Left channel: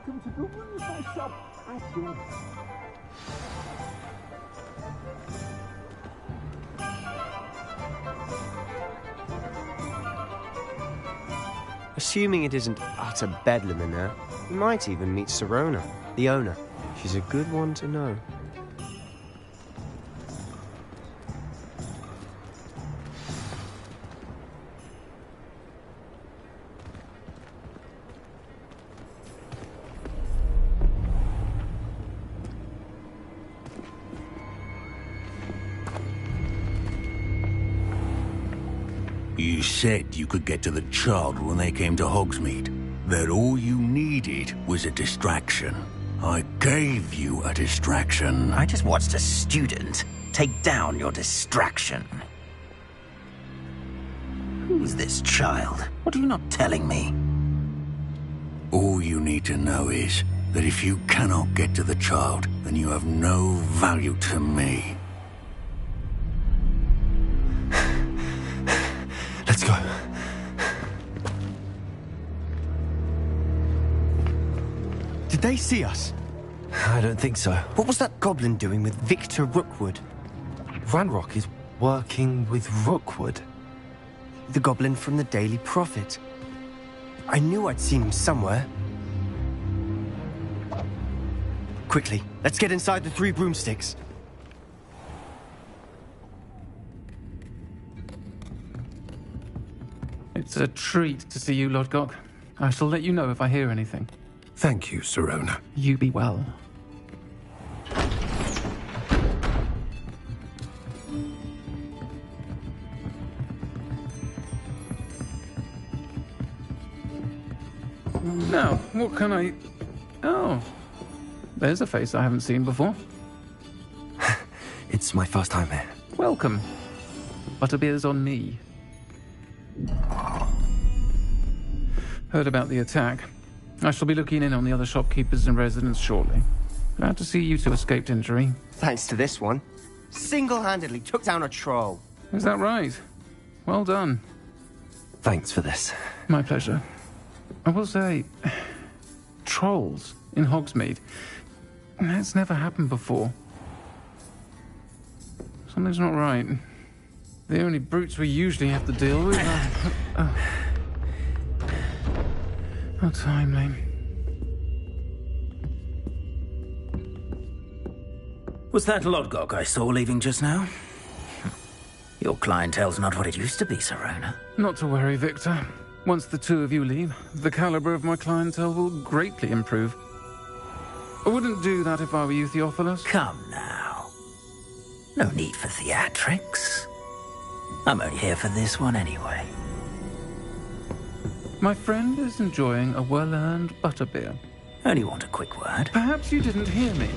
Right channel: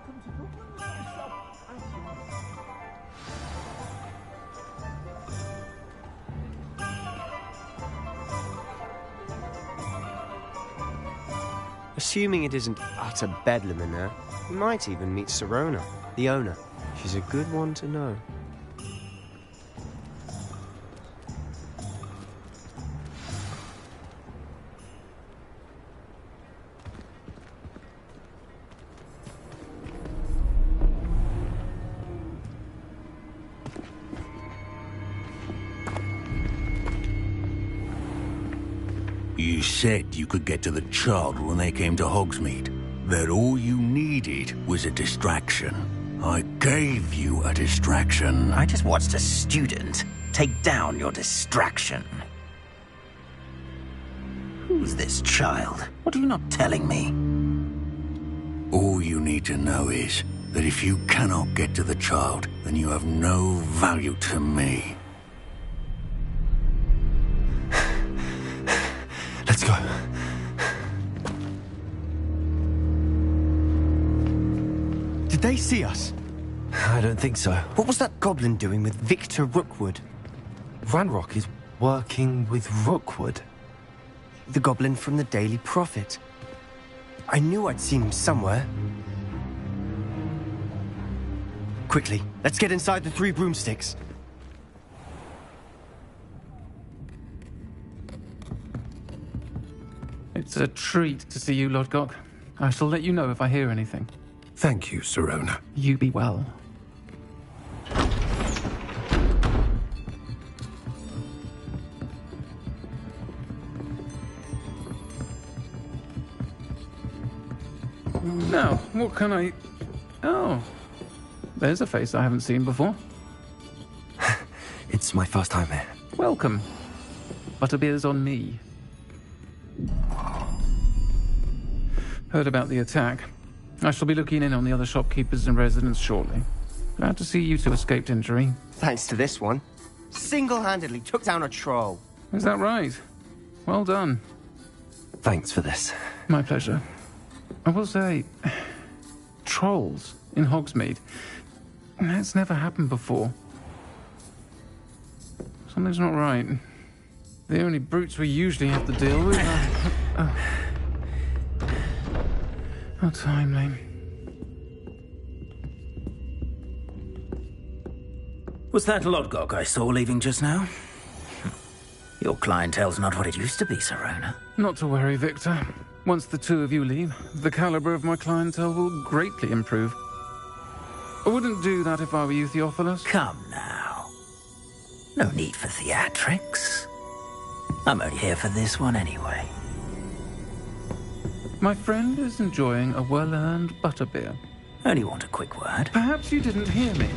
welcome to the room of my shop at your... Assuming it isn't utter bedlam in there, we might even meet Sirona, the owner. She's a good one to know. You said you could get to the child when they came to Hogsmeade. That all you needed was a distraction. I gave you a distraction. I just watched a student take down your distraction. Who's this child? What are you not telling me? All you need to know is that if you cannot get to the child, then you have no value to me. Let's go. Did they see us? I don't think so. What was that goblin doing with Victor Rookwood? Ranrock is working with Rookwood. The goblin from the Daily Prophet. I knew I'd seen him somewhere. Quickly, let's get inside the 3 broomsticks. It's a treat to see you, Lodgok. I shall let you know if I hear anything. Thank you, Sirona. You be well. Now, what can I... Oh, there's a face I haven't seen before. It's my first time here. Welcome. Butterbeer's on me. Heard about the attack. I shall be looking in on the other shopkeepers and residents shortly. Glad to see you two escaped injury. Thanks to this one. Single-handedly took down a troll. Is that right? Well done. Thanks for this. My pleasure. I will say, trolls in Hogsmeade. That's never happened before. Something's not right. The only brutes we usually have to deal with are... How timely. Was that Lodgok I saw leaving just now? Your clientele's not what it used to be, Sirona. Not to worry, Victor. Once the 2 of you leave, the caliber of my clientele will greatly improve. I wouldn't do that if I were you, Theophilus. Come now. No need for theatrics. I'm only here for this one anyway. My friend is enjoying a well-earned butterbeer. Only want a quick word. Perhaps you didn't hear me.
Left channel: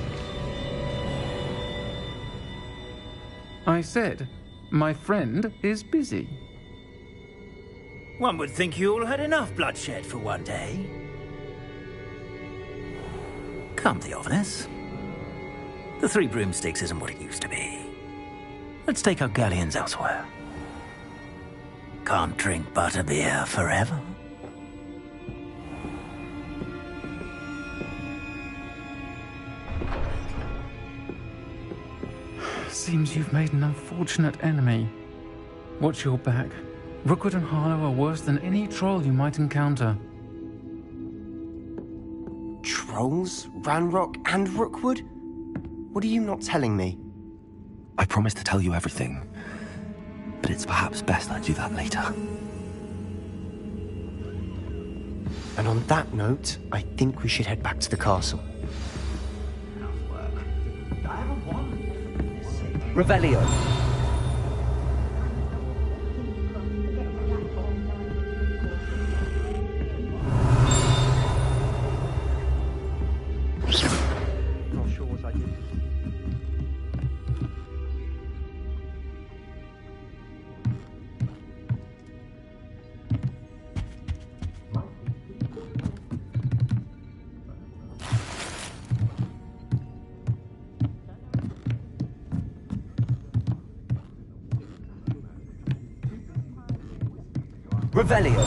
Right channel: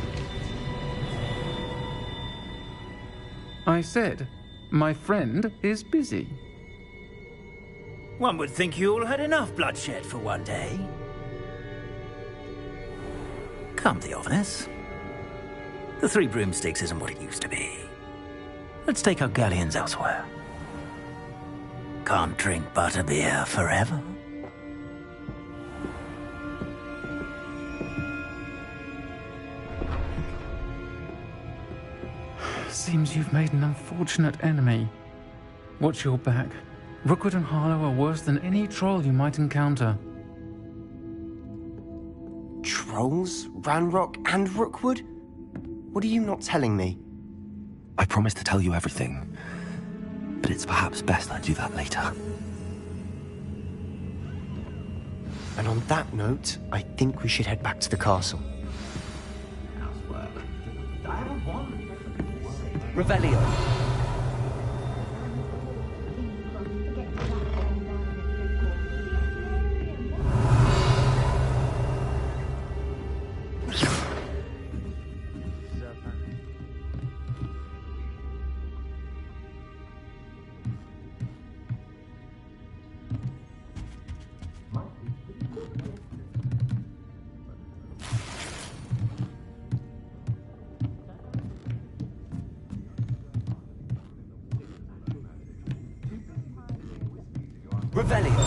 I said, my friend is busy. One would think you all had enough bloodshed for one day. Come, Theophilus. The 3 broomsticks isn't what it used to be. Let's take our galleons elsewhere. Can't drink butterbeer forever. Seems you've made an unfortunate enemy. Watch your back. Rookwood and Harlow are worse than any troll you might encounter. Trolls? Ranrock and Rookwood? What are you not telling me? I promised to tell you everything, but it's perhaps best I do that later. And on that note, I think we should head back to the castle. Revelio. Revelio.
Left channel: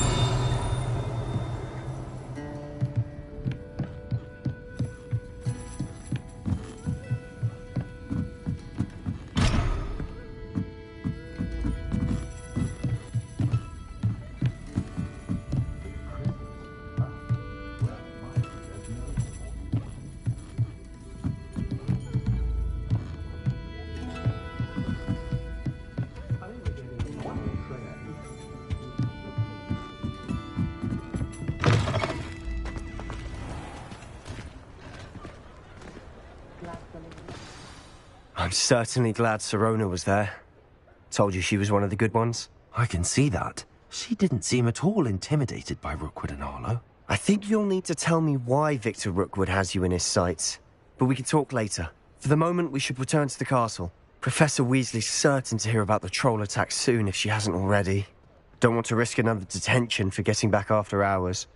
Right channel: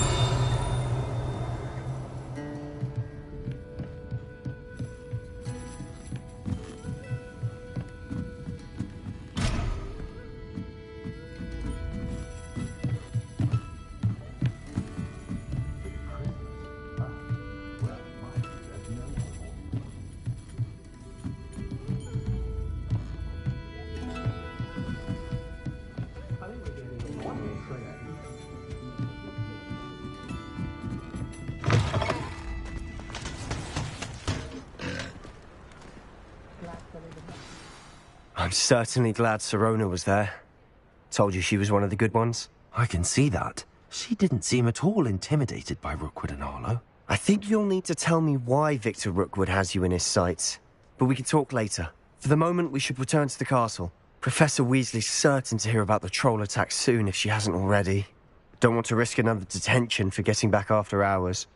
I'm certainly glad Sirona was there. Told you she was one of the good ones. I can see that. She didn't seem at all intimidated by Rookwood and Arlo. I think you'll need to tell me why Victor Rookwood has you in his sights. But we can talk later. For the moment, we should return to the castle. Professor Weasley's certain to hear about the troll attack soon if she hasn't already. Don't want to risk another detention for getting back after hours.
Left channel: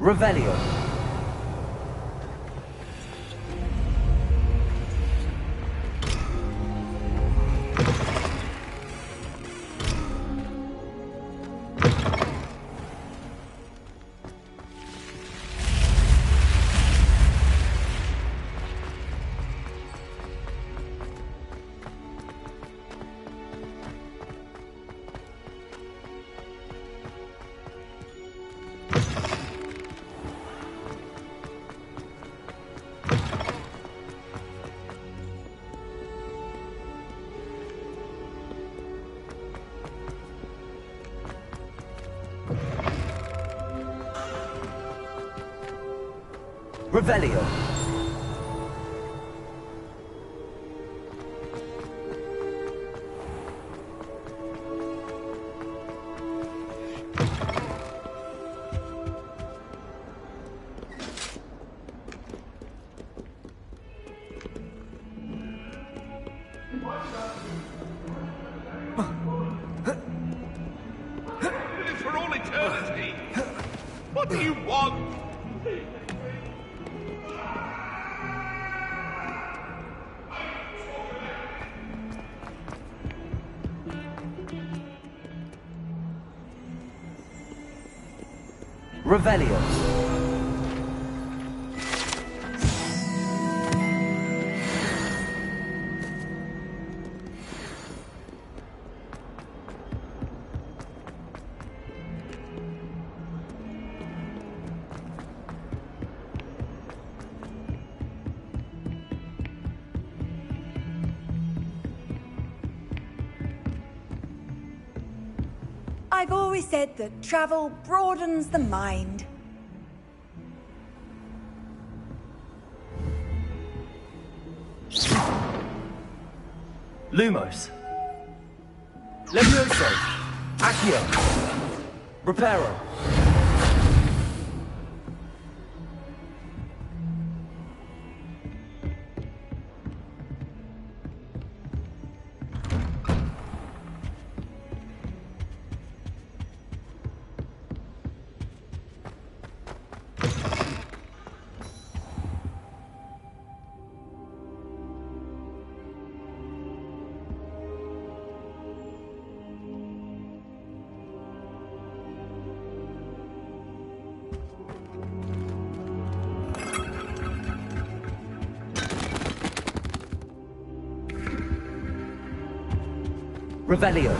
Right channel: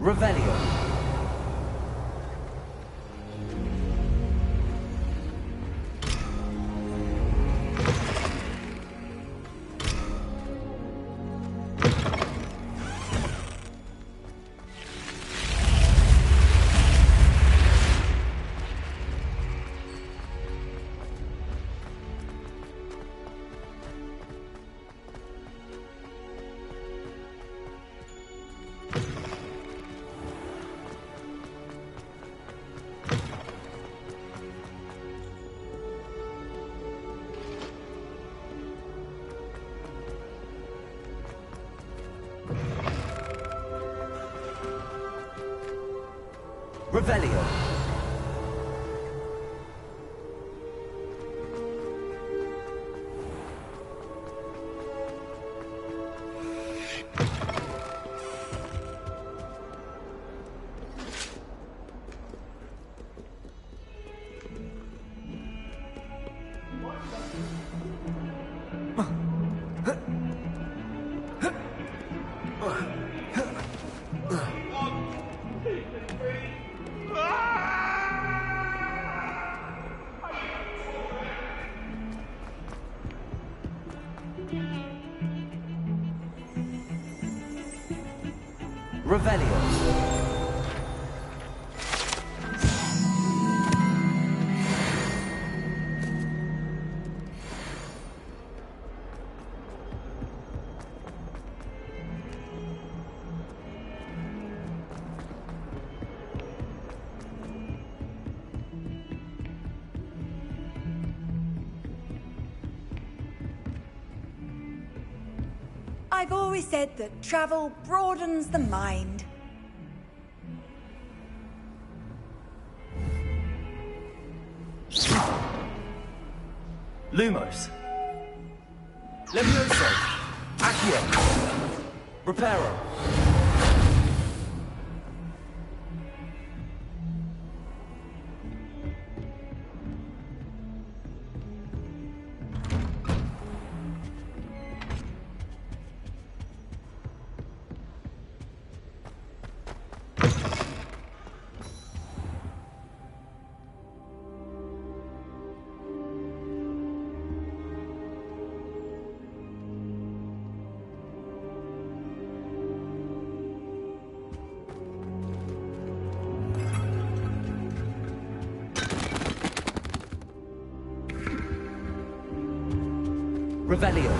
Revelio. Revelio. For all eternity. What do you want? Revelio. I've always said that travel broadens the mind. Lumos. Levioso. Accio. Reparo. Revelio.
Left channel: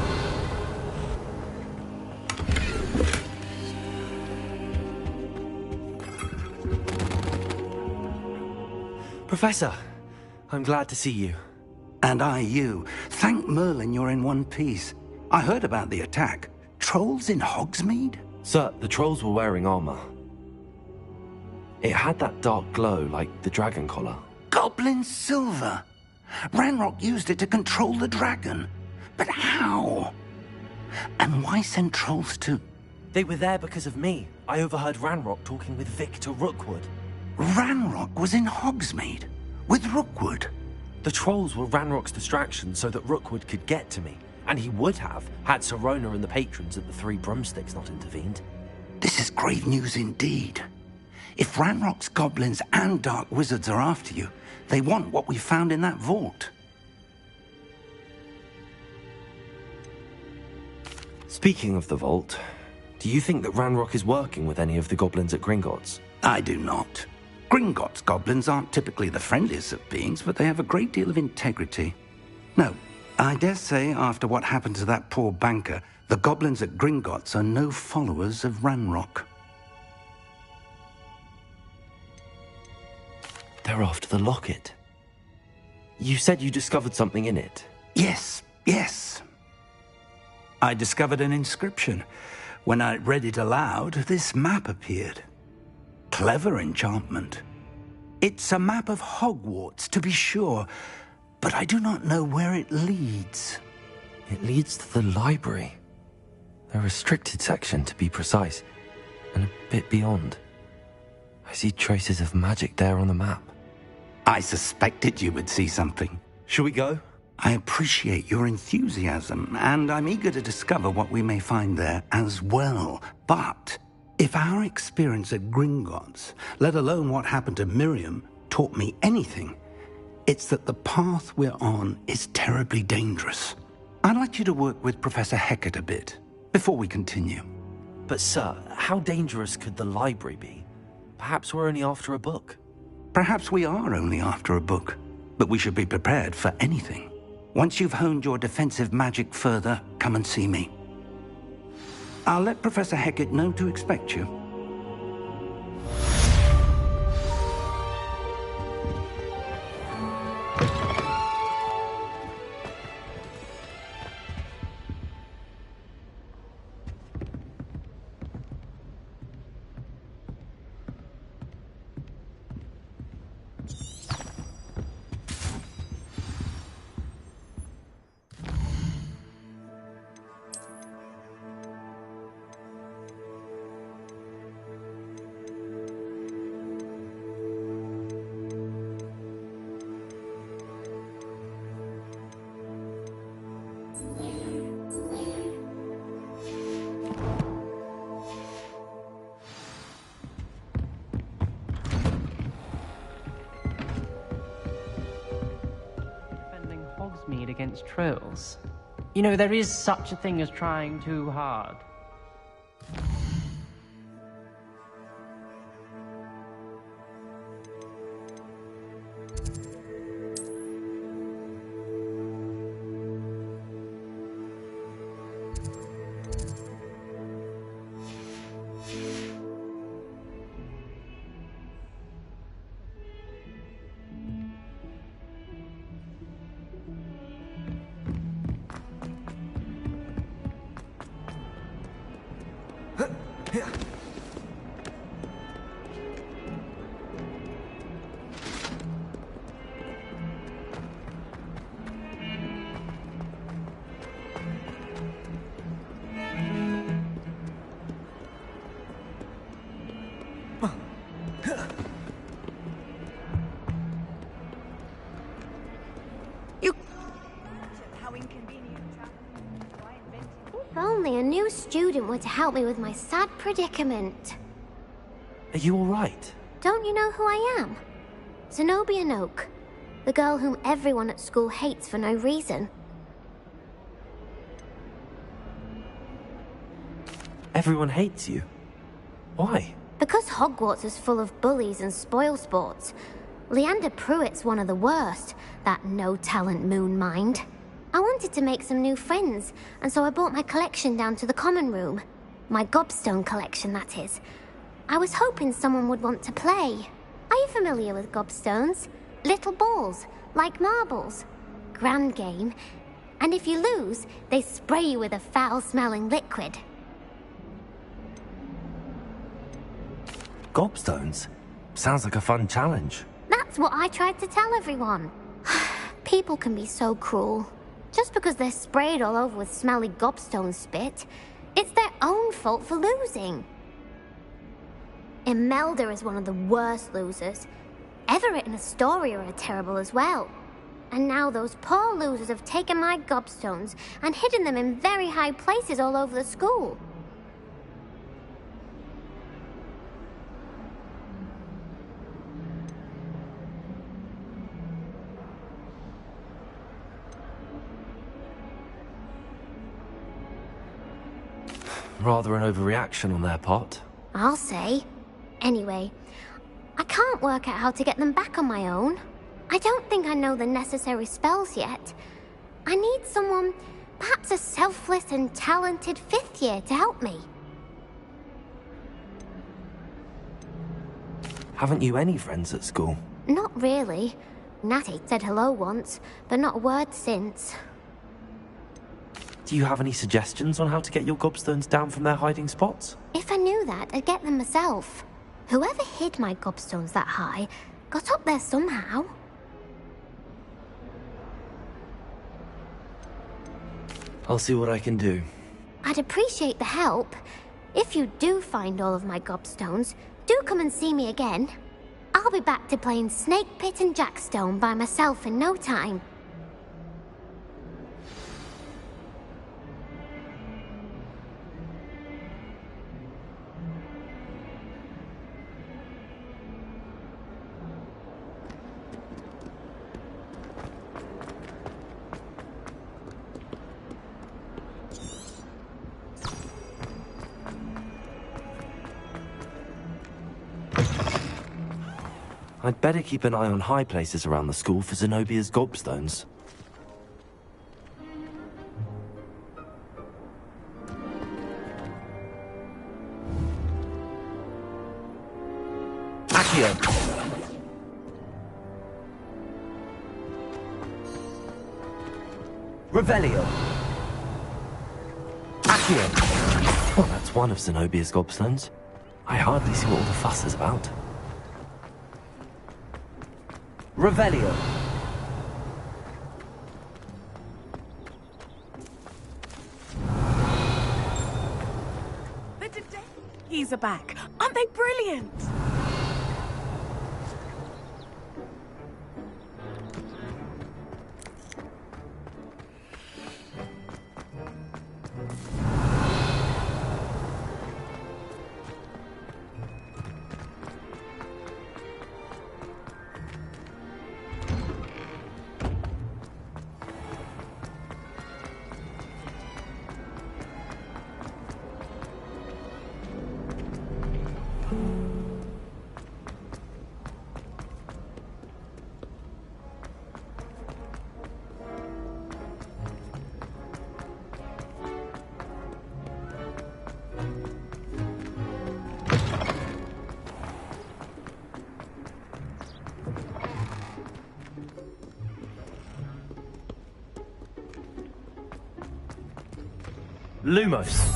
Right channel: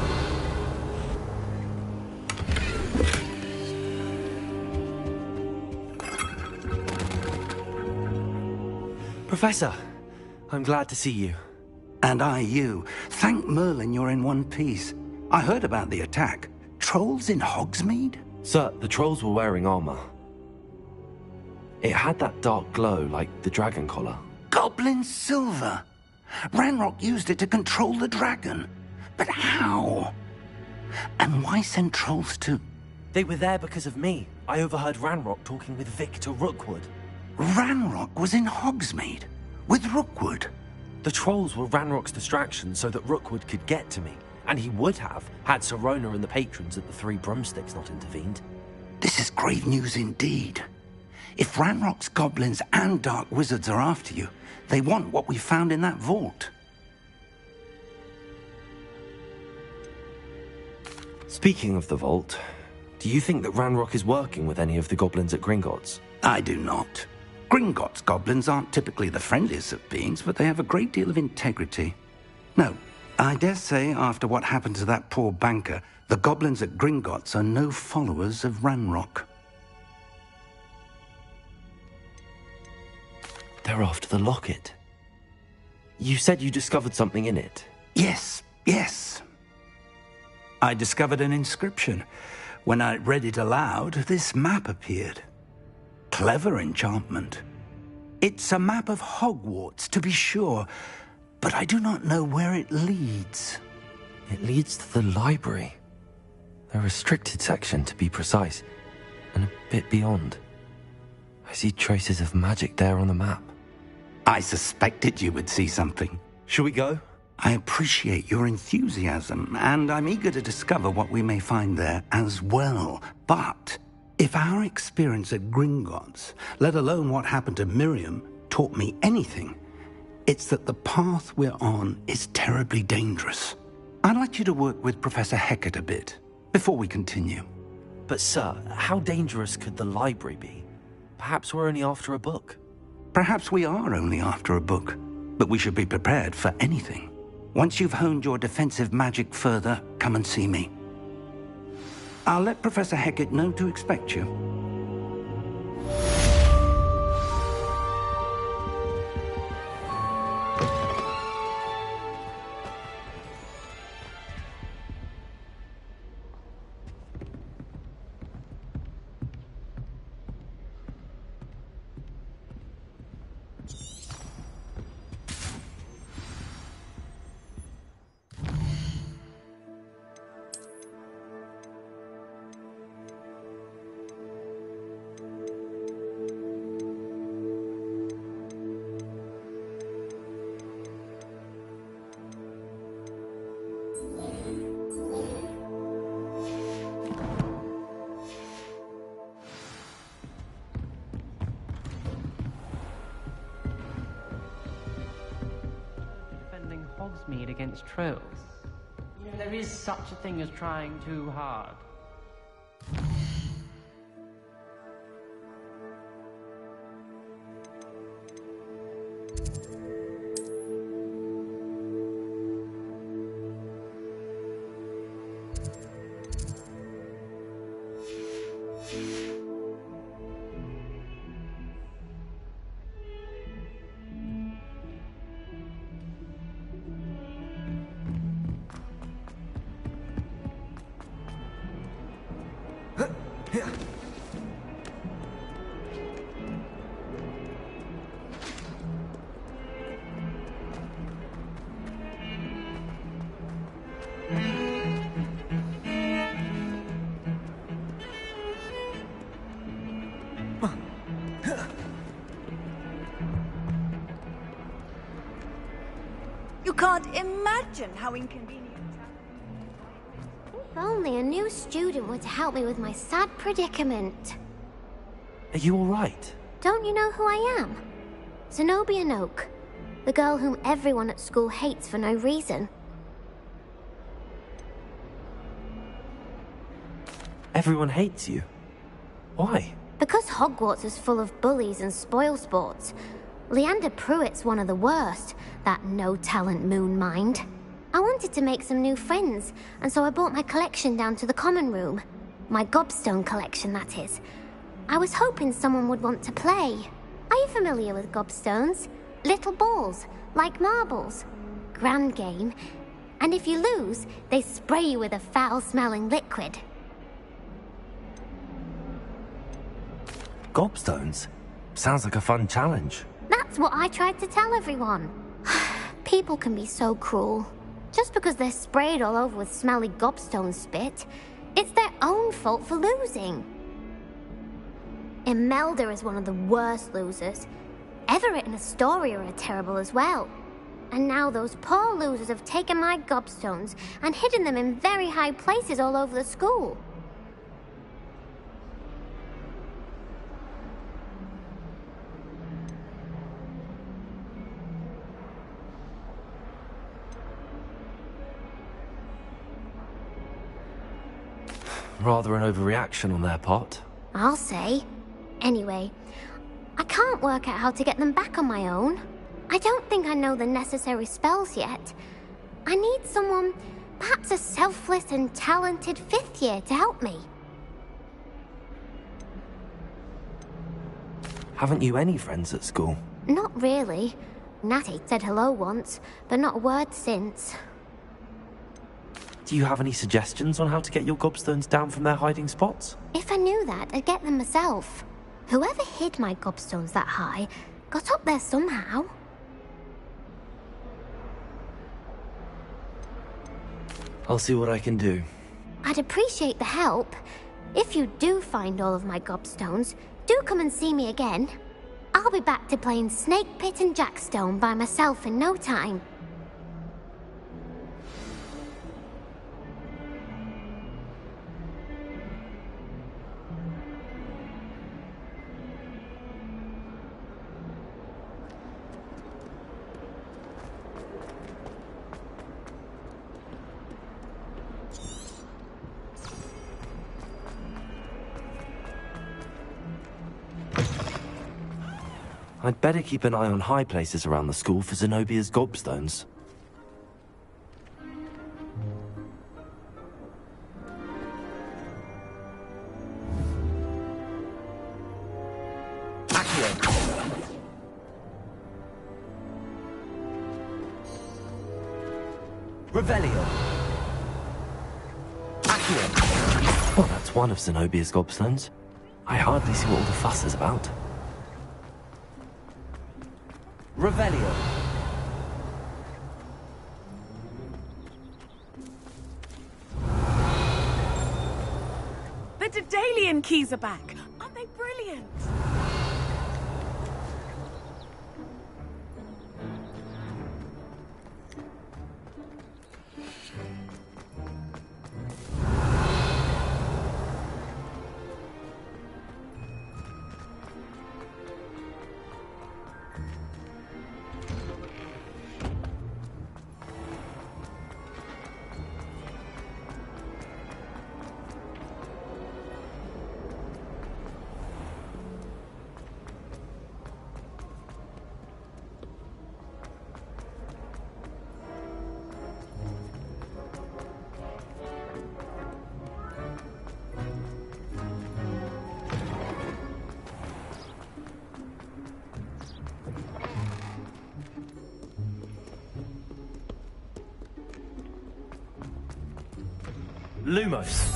Professor, I'm glad to see you. And I you. Thank Merlin you're in one piece. I heard about the attack. Trolls in Hogsmeade? Sir, the trolls were wearing armor. It had that dark glow like the dragon collar. Goblin silver. Ranrock used it to control the dragon. But how? And why send trolls to... They were there because of me. I overheard Ranrock talking with Victor Rookwood. Ranrock was in Hogsmeade? With Rookwood? The trolls were Ranrock's distraction so that Rookwood could get to me. And he would have, had Sirona and the patrons at the Three Broomsticks not intervened. This is grave news indeed. If Ranrock's goblins and dark wizards are after you, they want what we found in that vault. Speaking of the vault, do you think that Ranrock is working with any of the goblins at Gringotts? I do not. Gringotts goblins aren't typically the friendliest of beings, but they have a great deal of integrity. No, I dare say after what happened to that poor banker, the goblins at Gringotts are no followers of Ranrock. They're after the locket. You said you discovered something in it. Yes. I discovered an inscription. When I read it aloud, this map appeared. Clever enchantment. It's a map of Hogwarts, to be sure, but I do not know where it leads. It leads to the library. A restricted section, to be precise, and a bit beyond. I see traces of magic there on the map. I suspected you would see something. Shall we go? I appreciate your enthusiasm, and I'm eager to discover what we may find there as well. But if our experience at Gringotts, let alone what happened to Miriam, taught me anything, it's that the path we're on is terribly dangerous. I'd like you to work with Professor Hecat a bit before we continue. But sir, how dangerous could the library be? Perhaps we're only after a book. Perhaps we are only after a book, but we should be prepared for anything. Once you've honed your defensive magic further, come and see me. I'll let Professor Hecat know to expect you. Hogsmeade against trolls. You know, there is such a thing as trying too hard. You can't imagine how inconvenient If only a new student were to help me with my sad predicament. Are you all right? Don't you know who I am? Zenobia Noak, the girl whom everyone at school hates for no reason. Everyone hates you. Why? Because Hogwarts is full of bullies and spoilsports. Leander Pruitt's one of the worst, that no-talent moon mind. I wanted to make some new friends, and so I brought my collection down to the common room. My gobstone collection, that is. I was hoping someone would want to play. Are you familiar with gobstones? Little balls, like marbles. Grand game. And if you lose, they spray you with a foul-smelling liquid. Gobstones? Sounds like a fun challenge. That's what I tried to tell everyone. People can be so cruel. Just because they're sprayed all over with smelly gobstone spit, it's their own fault for losing. Imelda is one of the worst losers. Everett and Astoria are terrible as well. And now those poor losers have taken my gobstones and hidden them in very high places all over the school. Rather an overreaction on their part. I'll say. Anyway, I can't work out how to get them back on my own. I don't think I know the necessary spells yet. I need someone, perhaps a selfless and talented 5th year to help me. Haven't you any friends at school? Not really. Natty said hello once, but not a word since. Do you have any suggestions on how to get your gobstones down from their hiding spots? If I knew that, I'd get them myself. Whoever hid my gobstones that high got up there somehow. I'll see what I can do. I'd appreciate the help. If you do find all of my gobstones, do come and see me again. I'll be back to playing Snake Pit and Jackstone by myself in no time. I'd better keep an eye on high places around the school for Zenobia's gobstones. Accio! Revelio! Accio! Well, that's one of Zenobia's gobstones. I hardly see what all the fuss is about. Revelio. The Daedalian keys are back. Aren't they brilliant? Lumos.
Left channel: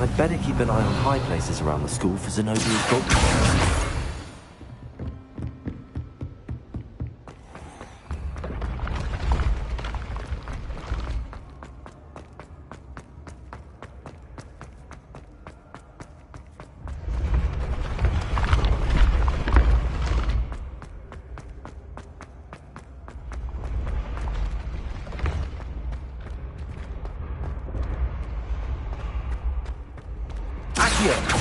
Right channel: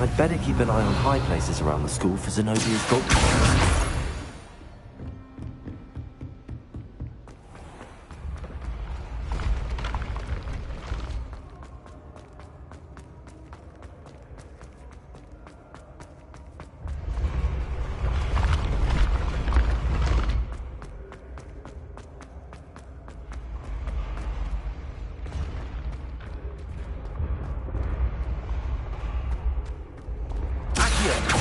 I'd better keep an eye on high places around the school for Zenobia's gobstones. Accio!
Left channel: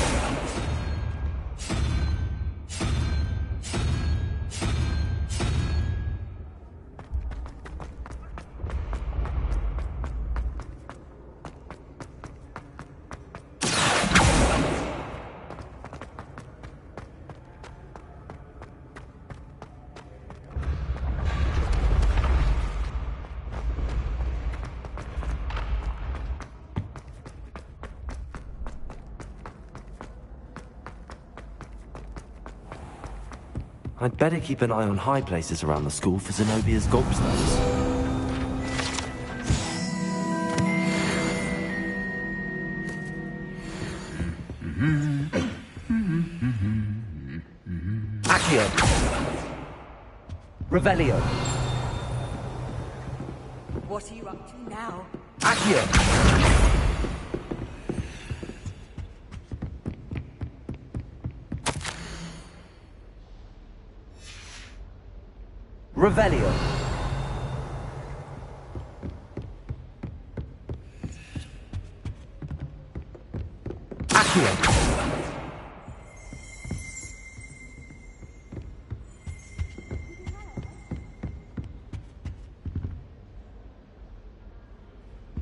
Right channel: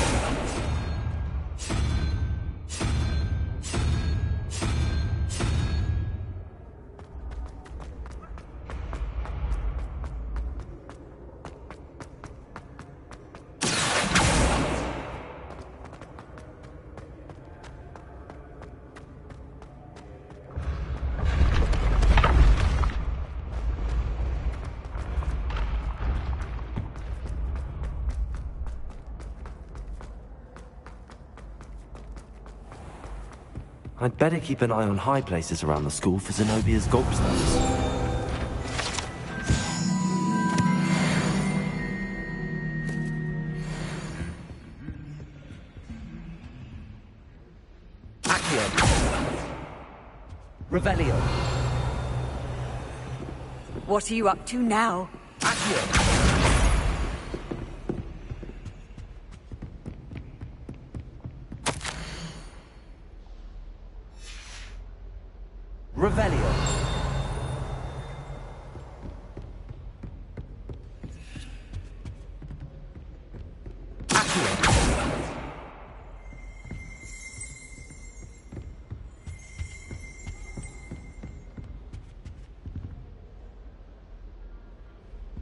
I'd better keep an eye on high places around the school for Zenobia's gobstones. Accio! Revelio! What are you up to now? Accio! Revelio! Accio!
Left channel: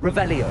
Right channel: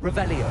Revelio!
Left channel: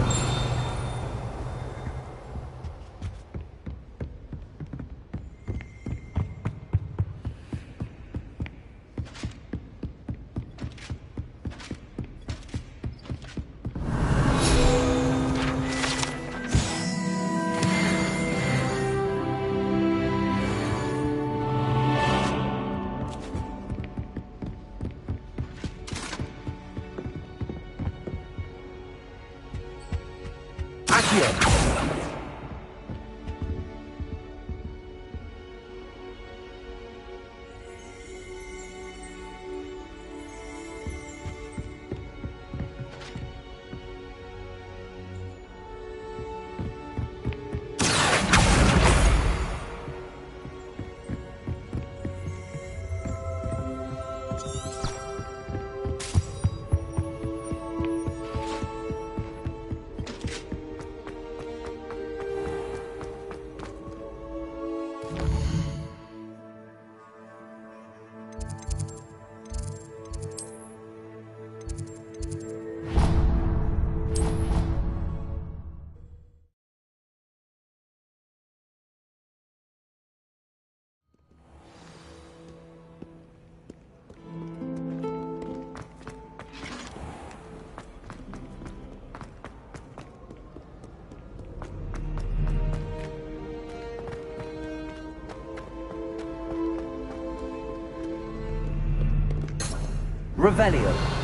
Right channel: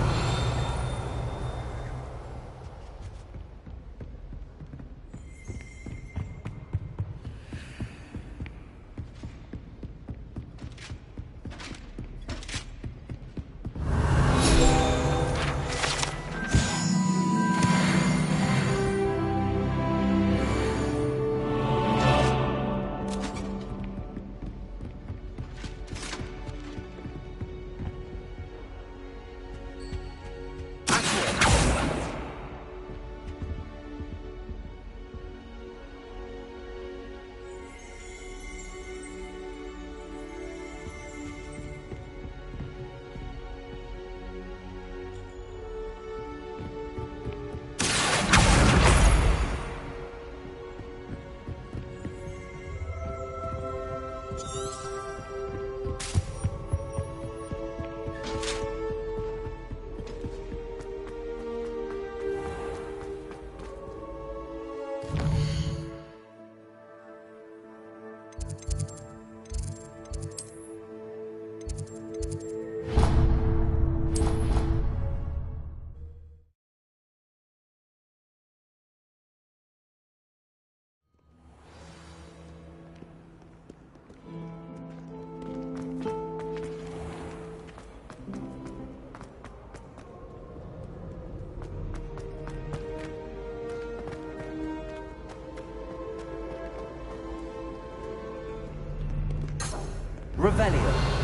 Revelio!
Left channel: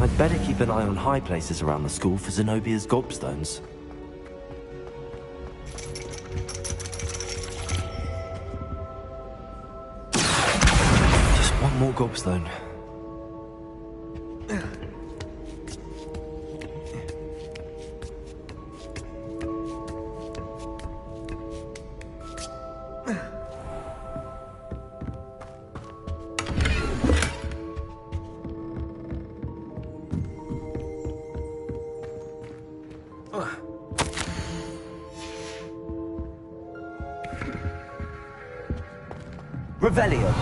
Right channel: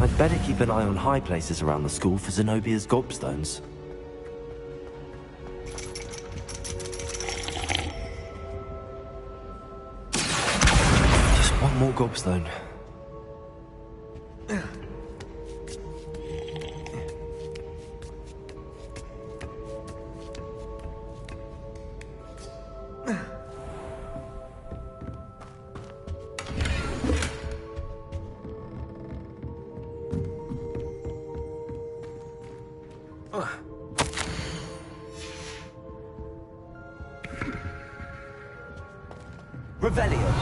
I'd better keep an eye on high places around the school for Zenobia's gobstones. Just one more gobstone. Revelio!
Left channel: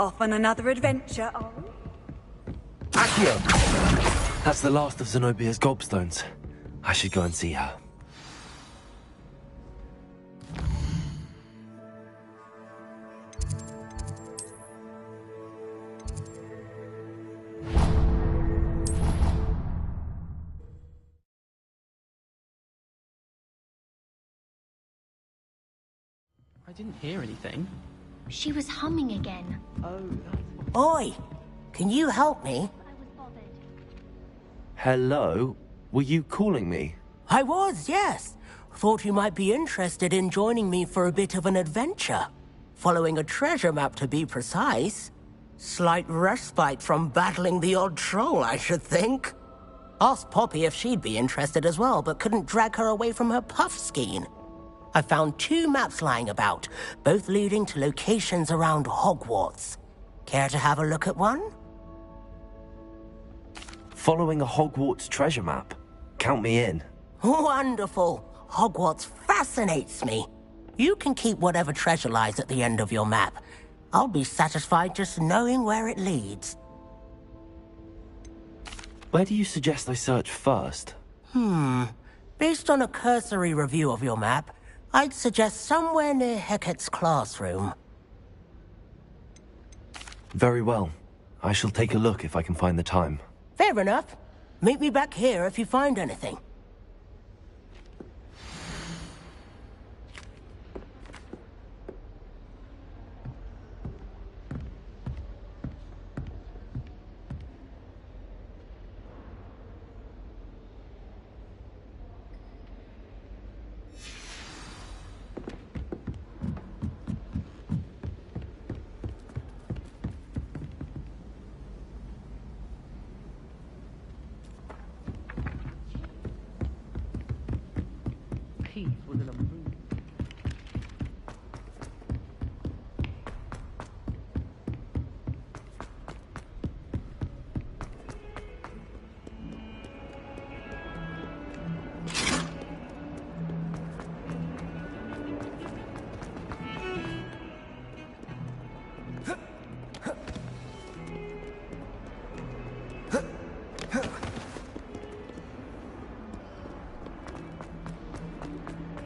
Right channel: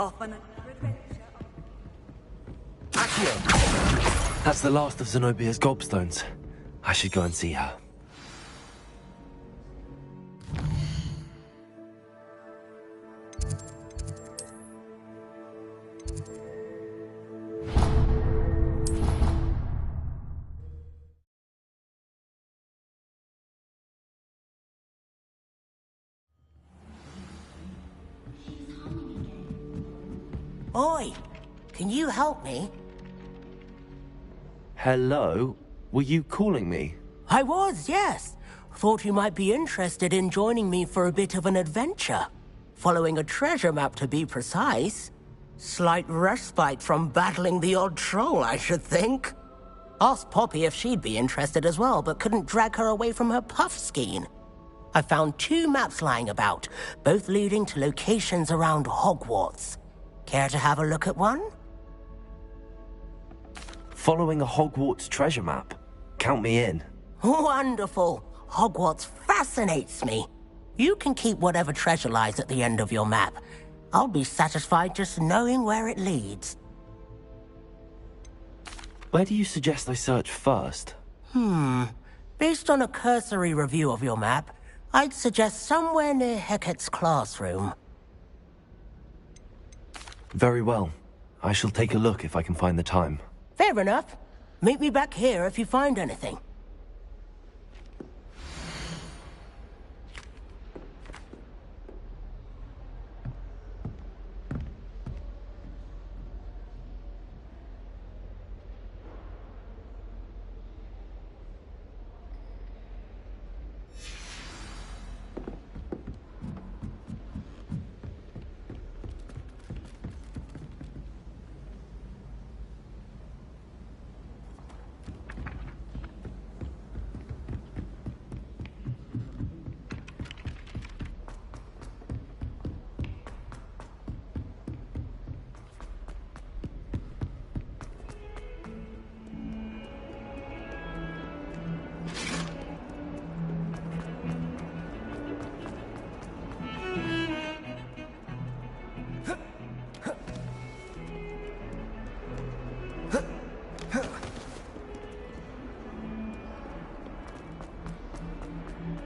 Off on another adventure, are we? Accio! That's the last of Zenobia's gobstones. I should go and see her. Didn't hear anything. She was humming again. Oi! Can you help me? Hello? Were you calling me? I was, yes. Thought you might be interested in joining me for a bit of an adventure. Following a treasure map, to be precise. Slight respite from battling the odd troll, I should think. Asked Poppy if she'd be interested as well, but couldn't drag her away from her puff skein. I found 2 maps lying about, both leading to locations around Hogwarts. Care to have a look at one? Following a Hogwarts treasure map? Count me in. Wonderful. Hogwarts fascinates me. You can keep whatever treasure lies at the end of your map. I'll be satisfied just knowing where it leads. Where do you suggest I search first? Based on a cursory review of your map, I'd suggest somewhere near Hecat's classroom. Very well. I shall take a look if I can find the time. Fair enough. Meet me back here if you find anything.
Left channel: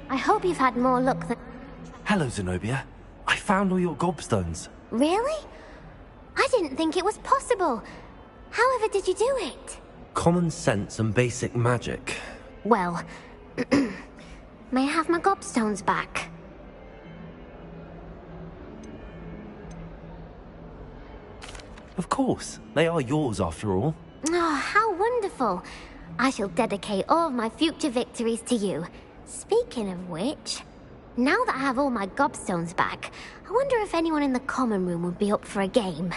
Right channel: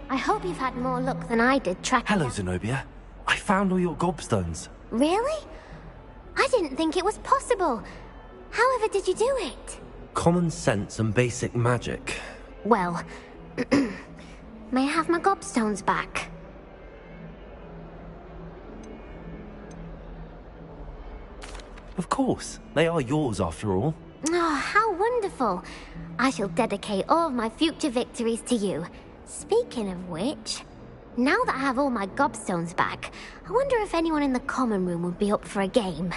I hope you've had more luck than I did tracking... Hello, Zenobia. I found all your gobstones. Really? I didn't think it was possible. However did you do it? Common sense and basic magic. Well, may I have my gobstones back? Of course. They are yours after all. Oh, how wonderful. I shall dedicate all of my future victories to you. Speaking of which, now that I have all my gobstones back, I wonder if anyone in the common room would be up for a game.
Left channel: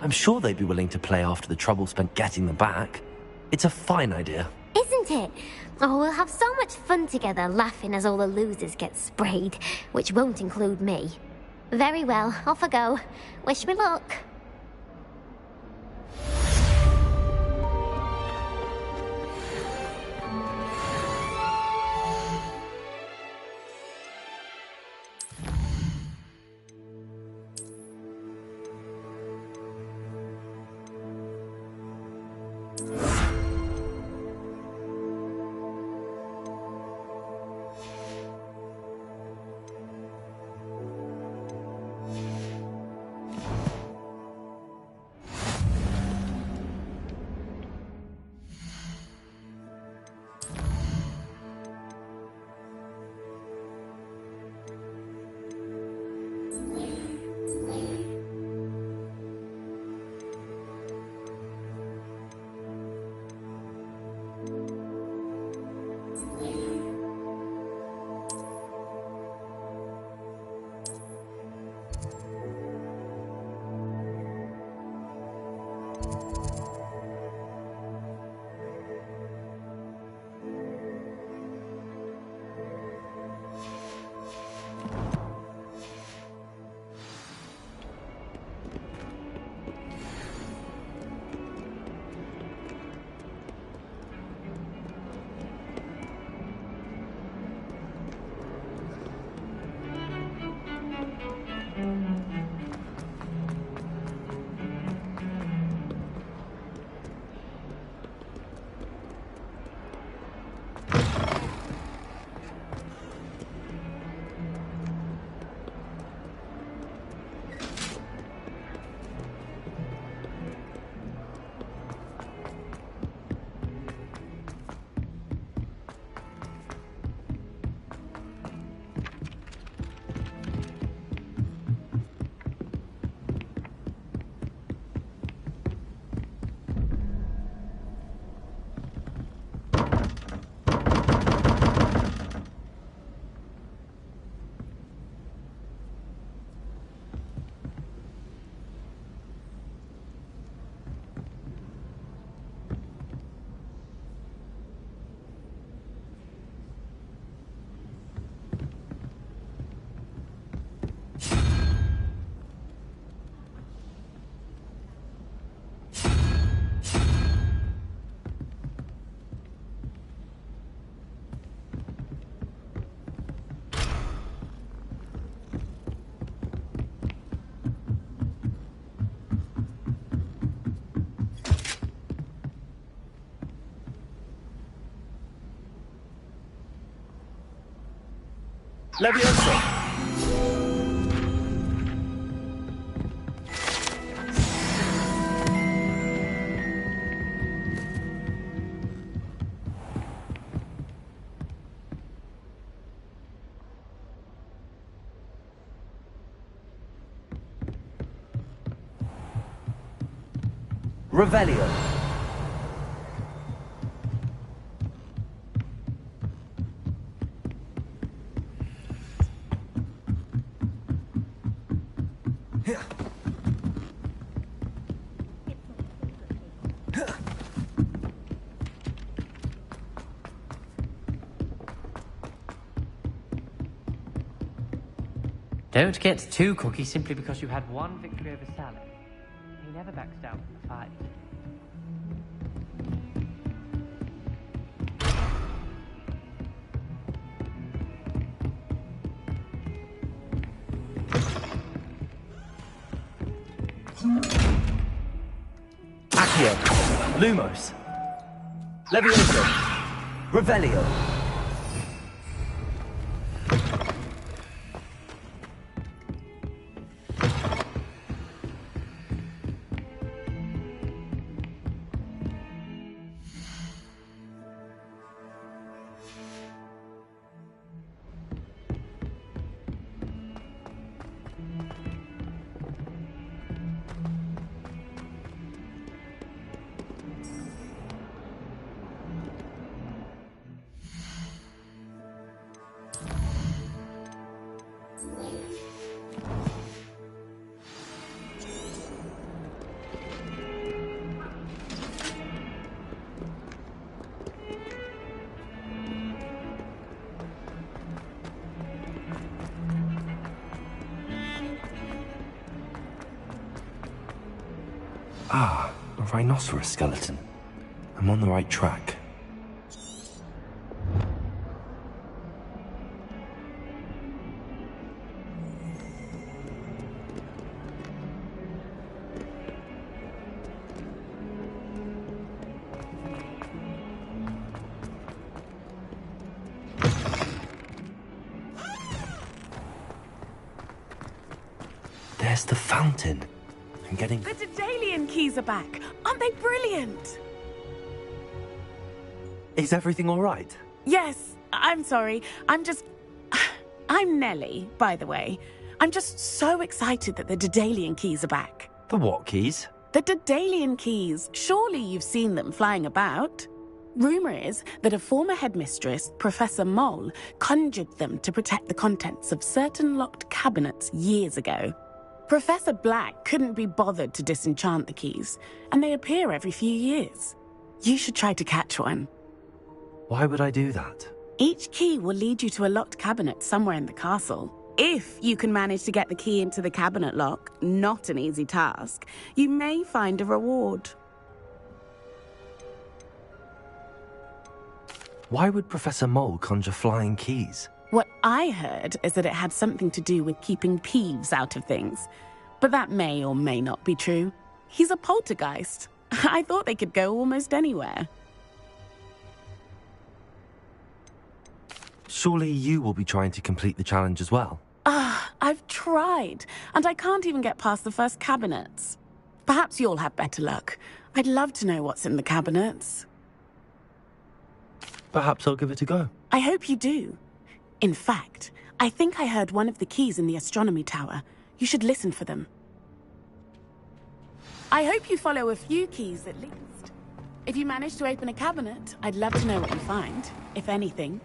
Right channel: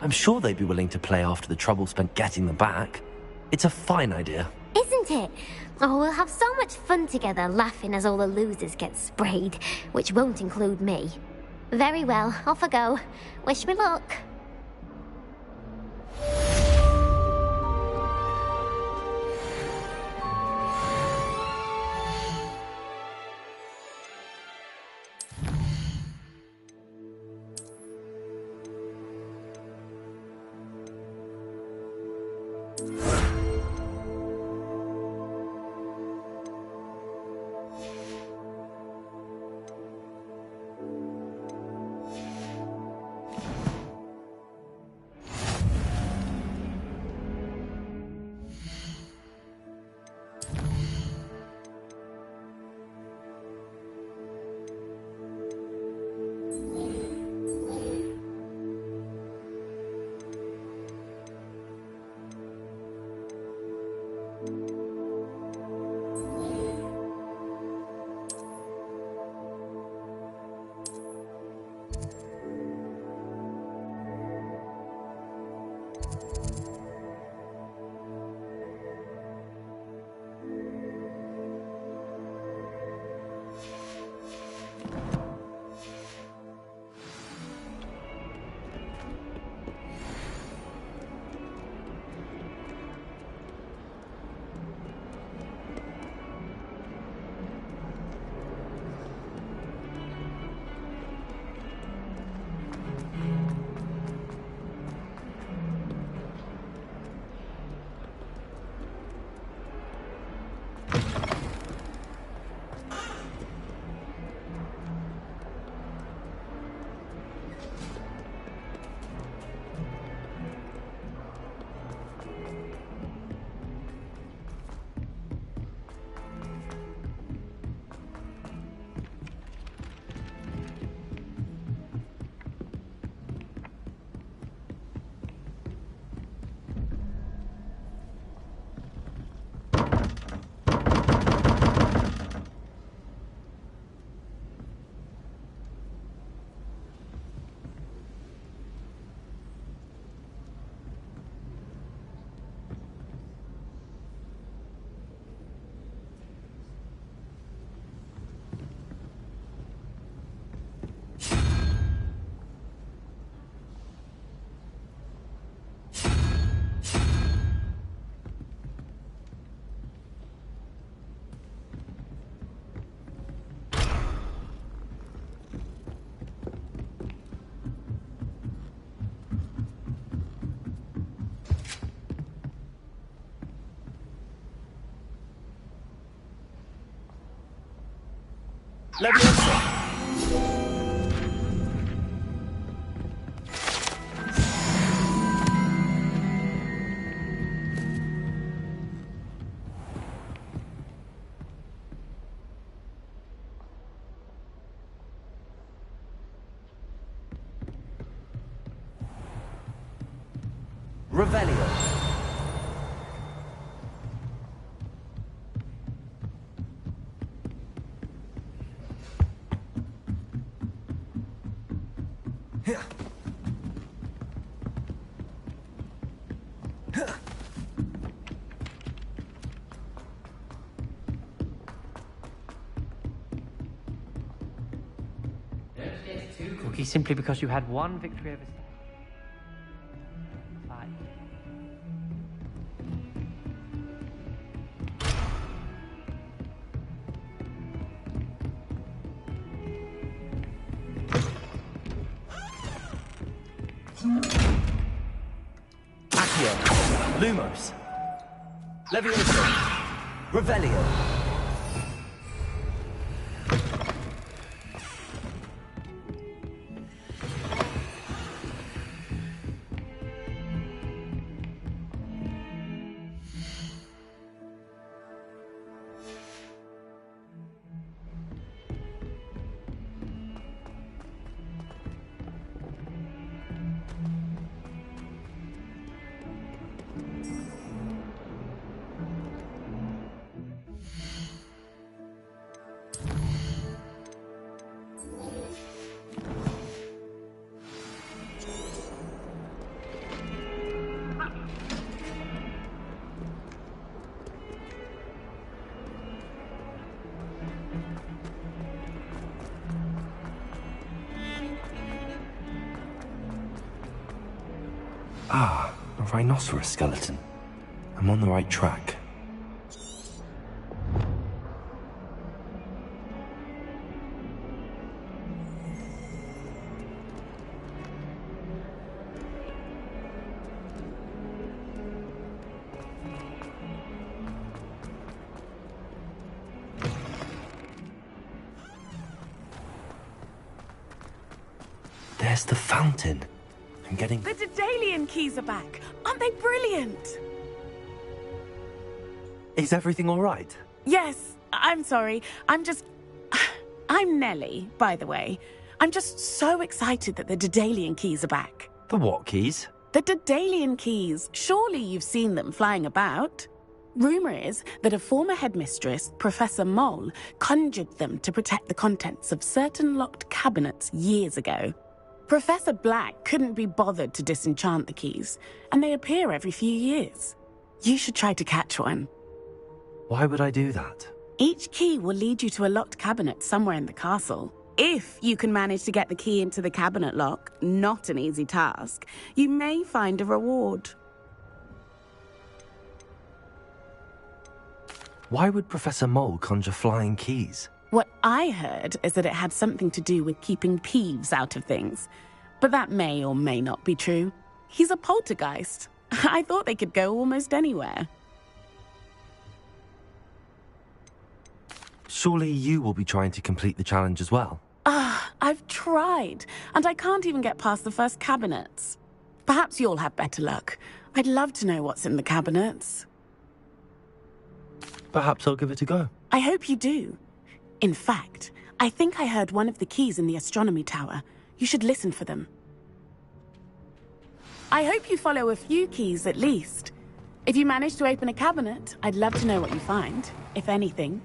I'm sure they'd be willing to play after the trouble spent getting them back. It's a fine idea. Isn't it? Oh, we'll have so much fun together, laughing as all the losers get sprayed, which won't include me. Very well, off I go. Wish me luck. Leviosa! Revelio. Don't get too cocky simply because you had one victory over Sally. He never backs down from a fight. Accio. Lumos. Leviosa. Revelio. Ah, a rhinoceros skeleton. I'm on the right track. There's the fountain. I'm getting... The Daedalian keys are back. Aren't they brilliant? Is everything all right? Yes, I'm sorry. I'm Nellie, by the way. I'm just so excited that the Daedalian keys are back. The what keys? The Daedalian keys. Surely you've seen them flying about. Rumour is that a former headmistress, Professor Mole, conjured them to protect the contents of certain locked cabinets years ago. Professor Black couldn't be bothered to disenchant the keys, and they appear every few years. You should try to catch one. Why would I do that? Each key will lead you to a locked cabinet somewhere in the castle. If you can manage to get the key into the cabinet lock, not an easy task, you may find a reward. Why would Professor Mole conjure flying keys? What I heard is that it had something to do with keeping Peeves out of things. But that may or may not be true. He's a poltergeist. I thought they could go almost anywhere. Surely you will be trying to complete the challenge as well? I've tried, and I can't even get past the first cabinets. Perhaps you'll have better luck. I'd love to know what's in the cabinets. Perhaps I'll give it a go. I hope you do. In fact, I think I heard one of the keys in the astronomy tower. You should listen for them. I hope you follow a few keys at least. If you manage to open a cabinet, I'd love to know what you find, if anything.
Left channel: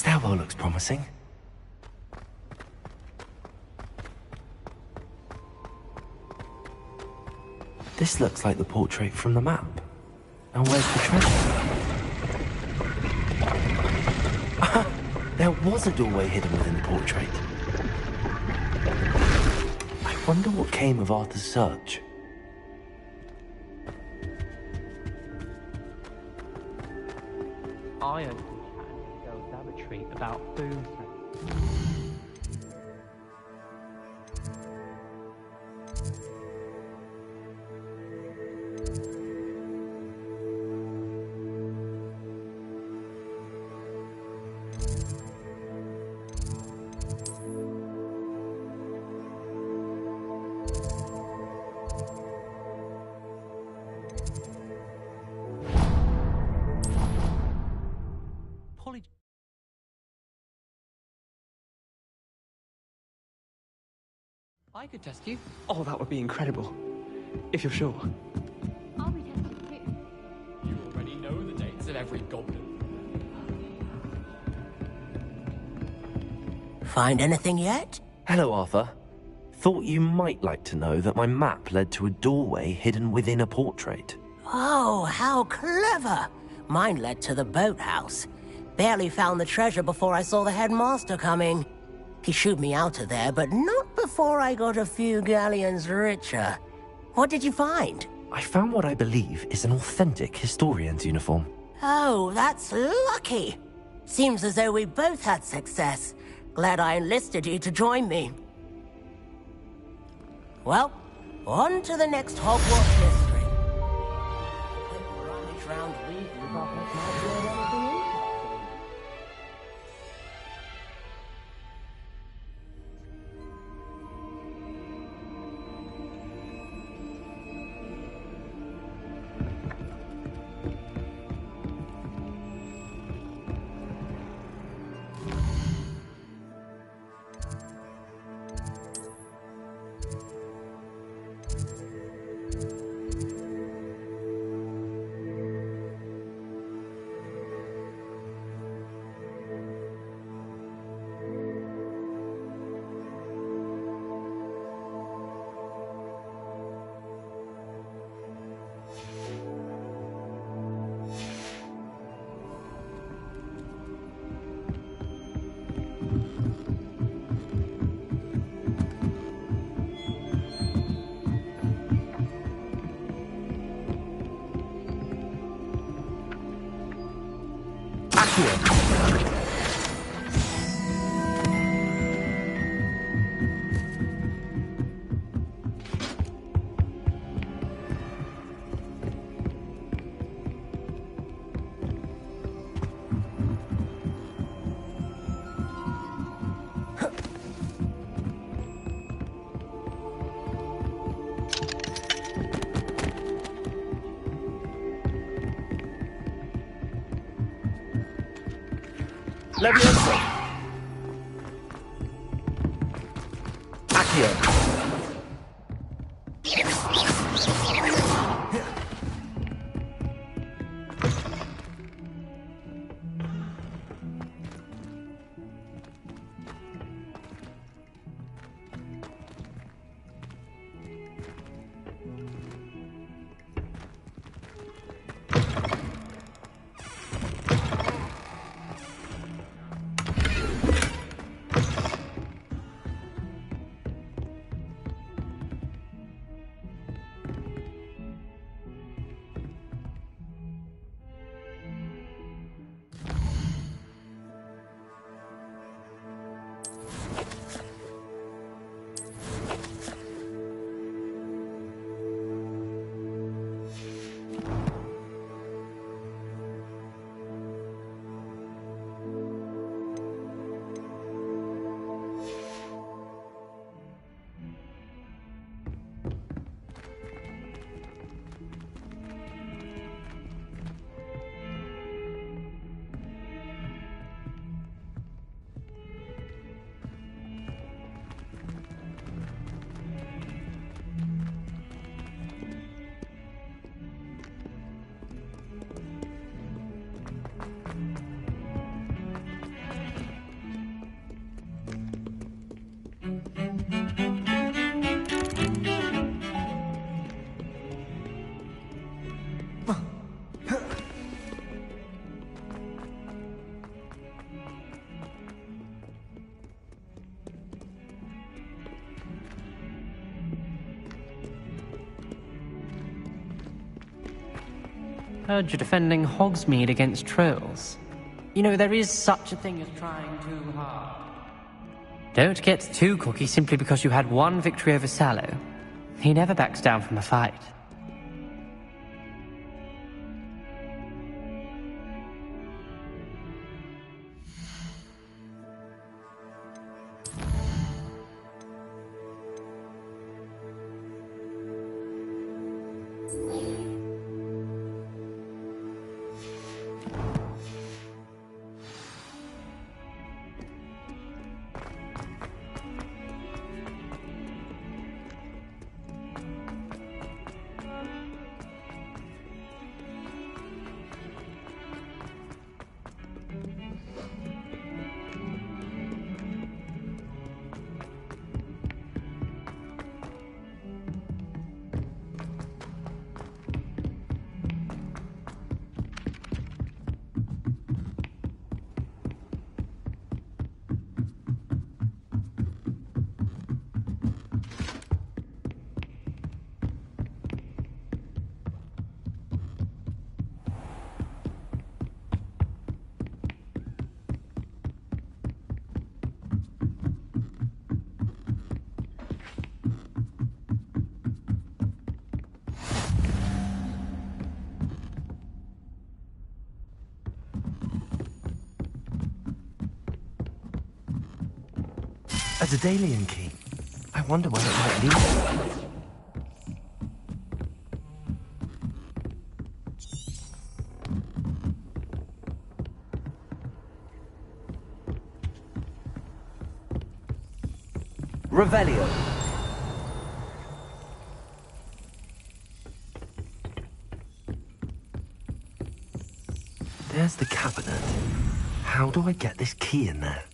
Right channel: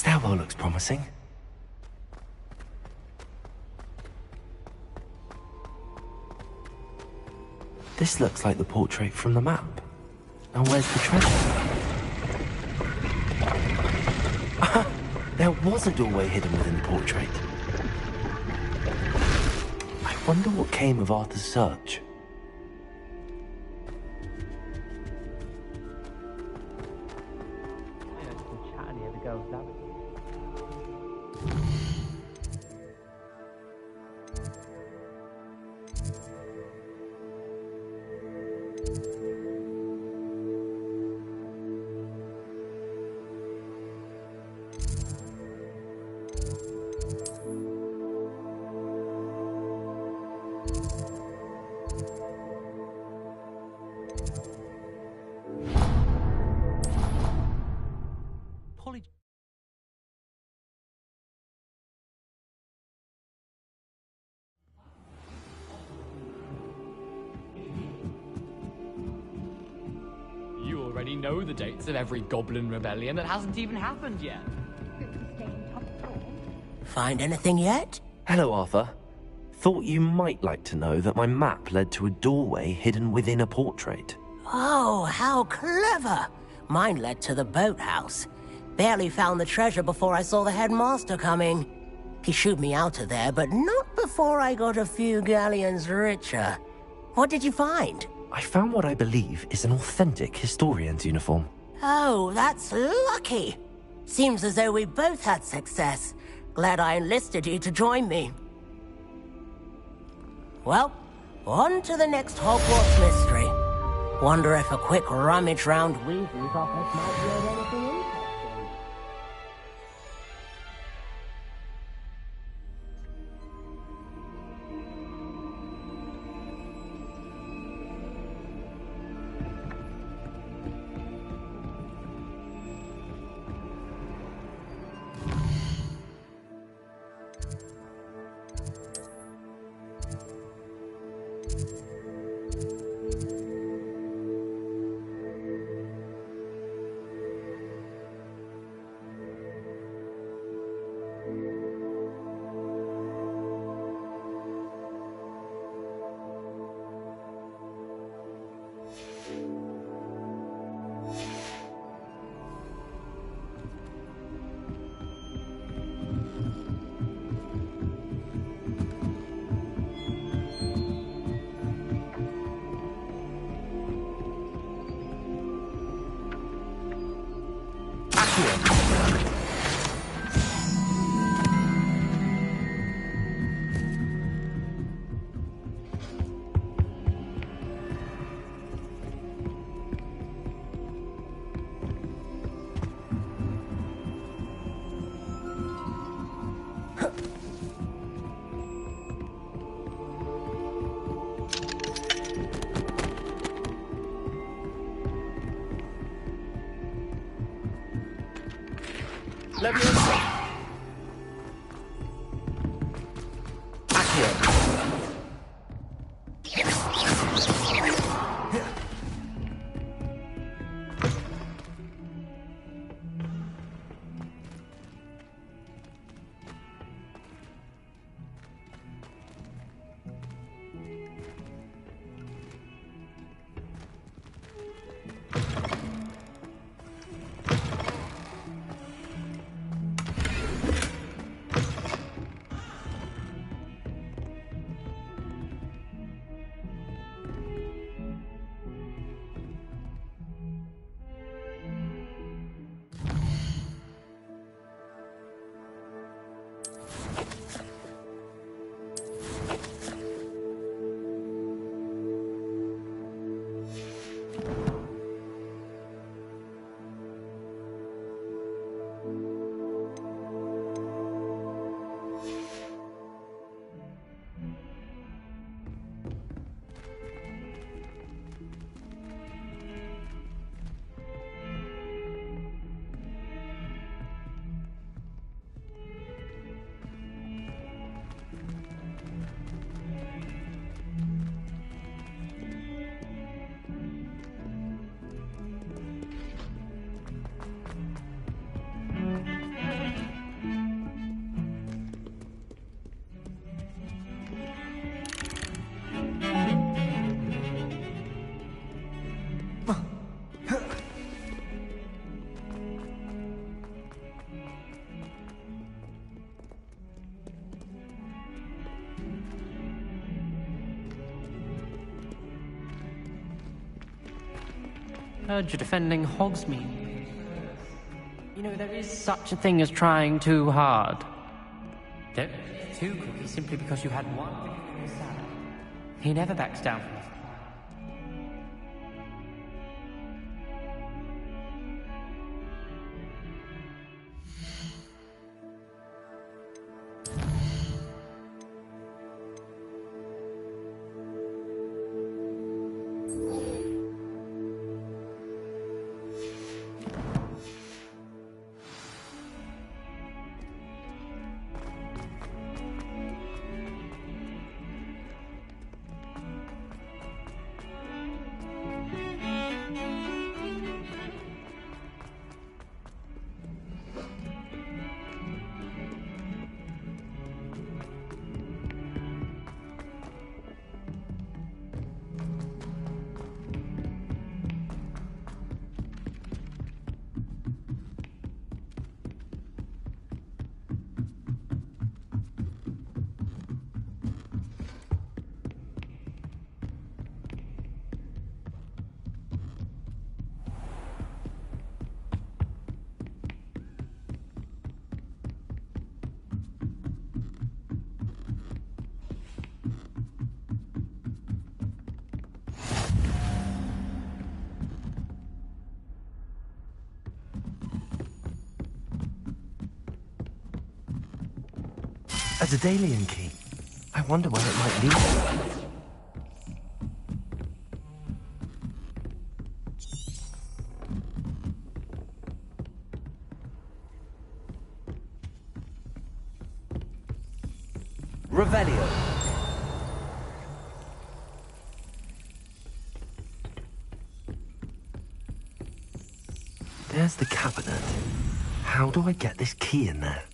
stairwell looks promising. This looks like the portrait from the map. Now where's the treasure? There was a doorway hidden within the portrait. I wonder what came of Arthur's search. I heard some chat near the girls' lavatory about food. I could test you. Oh, that would be incredible. If you're sure. You already know the dates of every goblin rebellion that hasn't even happened yet. Find anything yet? Hello, Arthur. Thought you might like to know that my map led to a doorway hidden within a portrait. Oh, how clever! Mine led to the boathouse. Barely found the treasure before I saw the headmaster coming. He shooed me out of there, but not before I got a few galleons richer. What did you find? I found what I believe is an authentic historian's uniform. Oh, that's lucky. Seems as though we both had success. Glad I enlisted you to join me. Well, on to the next Hogwarts mystery. Wonder if a quick rummage round Weasley's office might yield anything interesting. Leviosa! Accio! Heard you're defending Hogsmeade against trolls. You know, there is such a thing as trying too hard. Don't get too cocky simply because you had one victory over Sallow. He never backs down from a fight. A Daedalian key. I wonder where it might lead. Revelio. There's the cabinet. How do I get this key in there?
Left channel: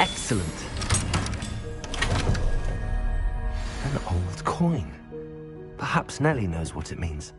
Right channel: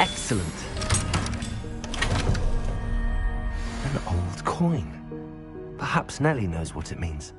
Excellent. An old coin. Perhaps Nellie knows what it means.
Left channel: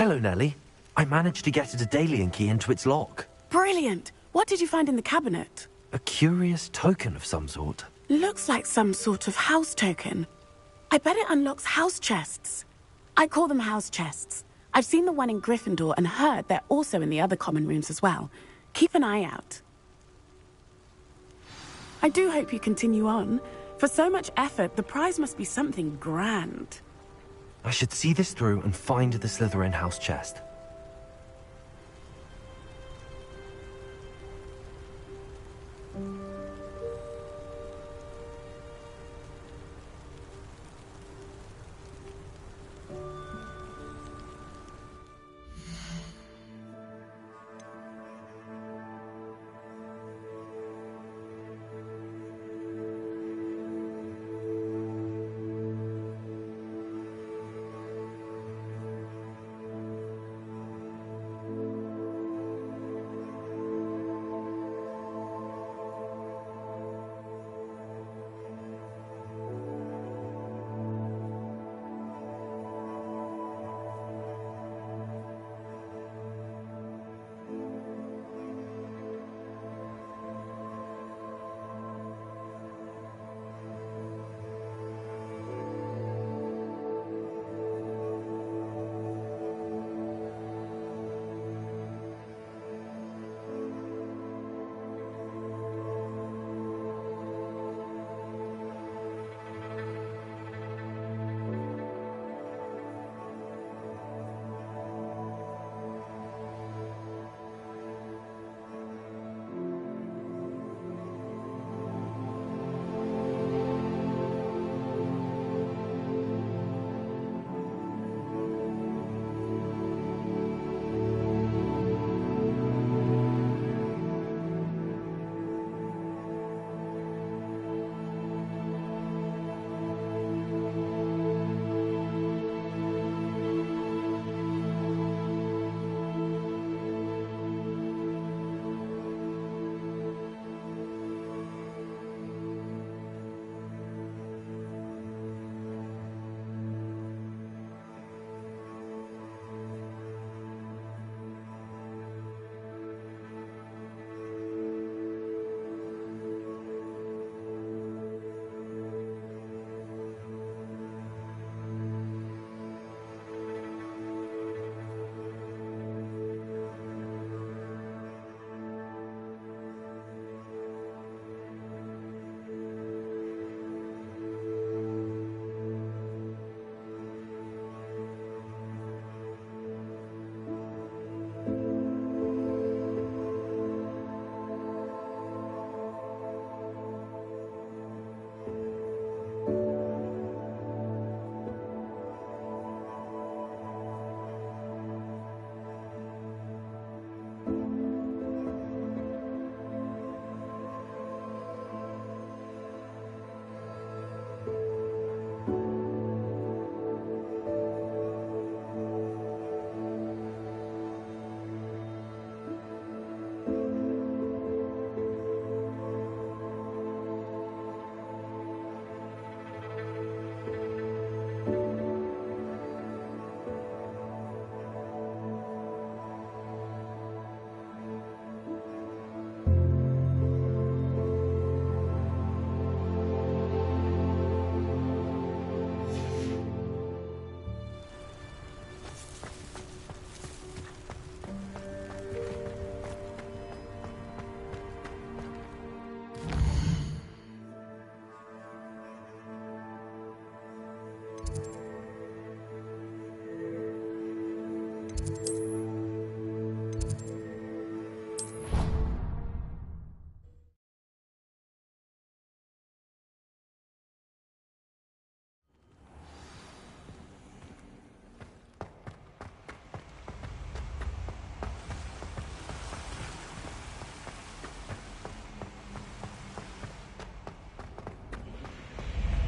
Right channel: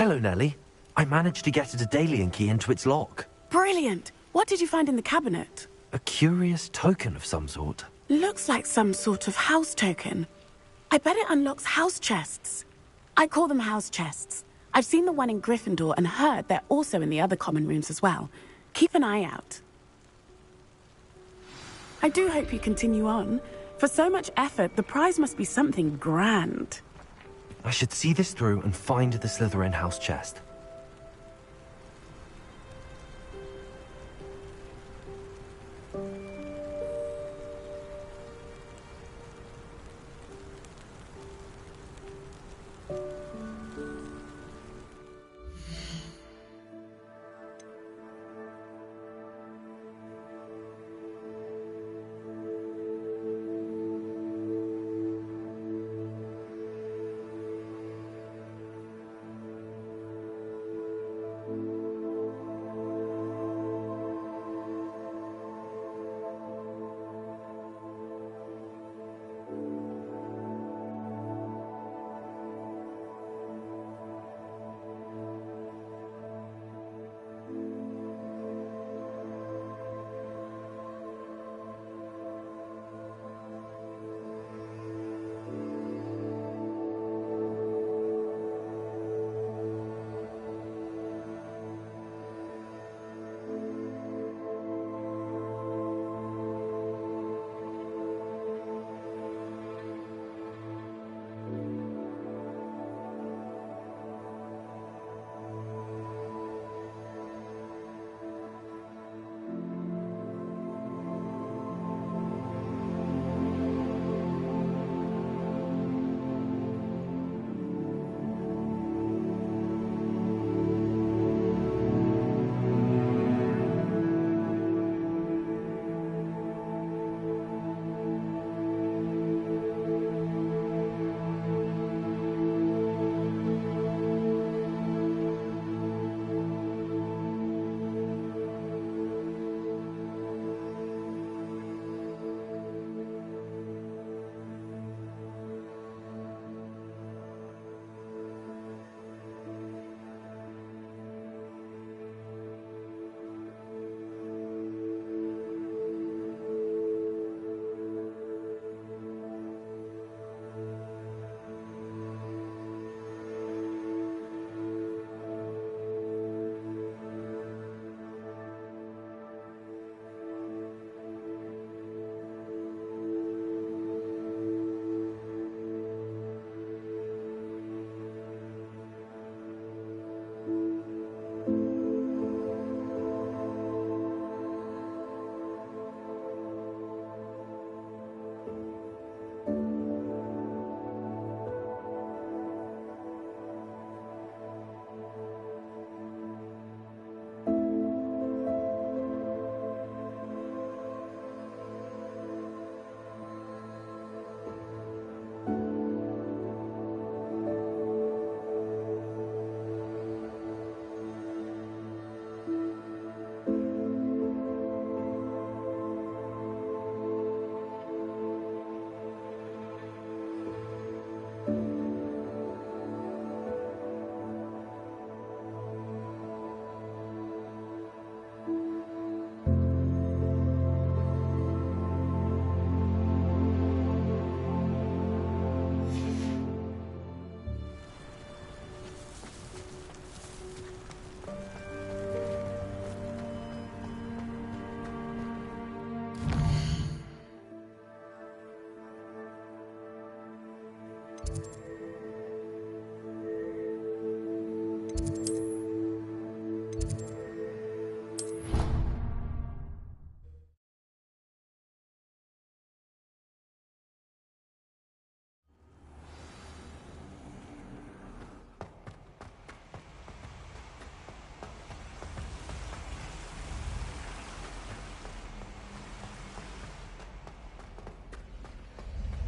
Hello, Nellie. I managed to get a Daedalian key into its lock. Brilliant! What did you find in the cabinet? A curious token of some sort. Looks like some sort of house token. I bet it unlocks house chests. I call them house chests. I've seen the one in Gryffindor and heard they're also in the other common rooms as well. Keep an eye out. I do hope you continue on. For so much effort, the prize must be something grand. I should see this through and find the Slytherin house chest.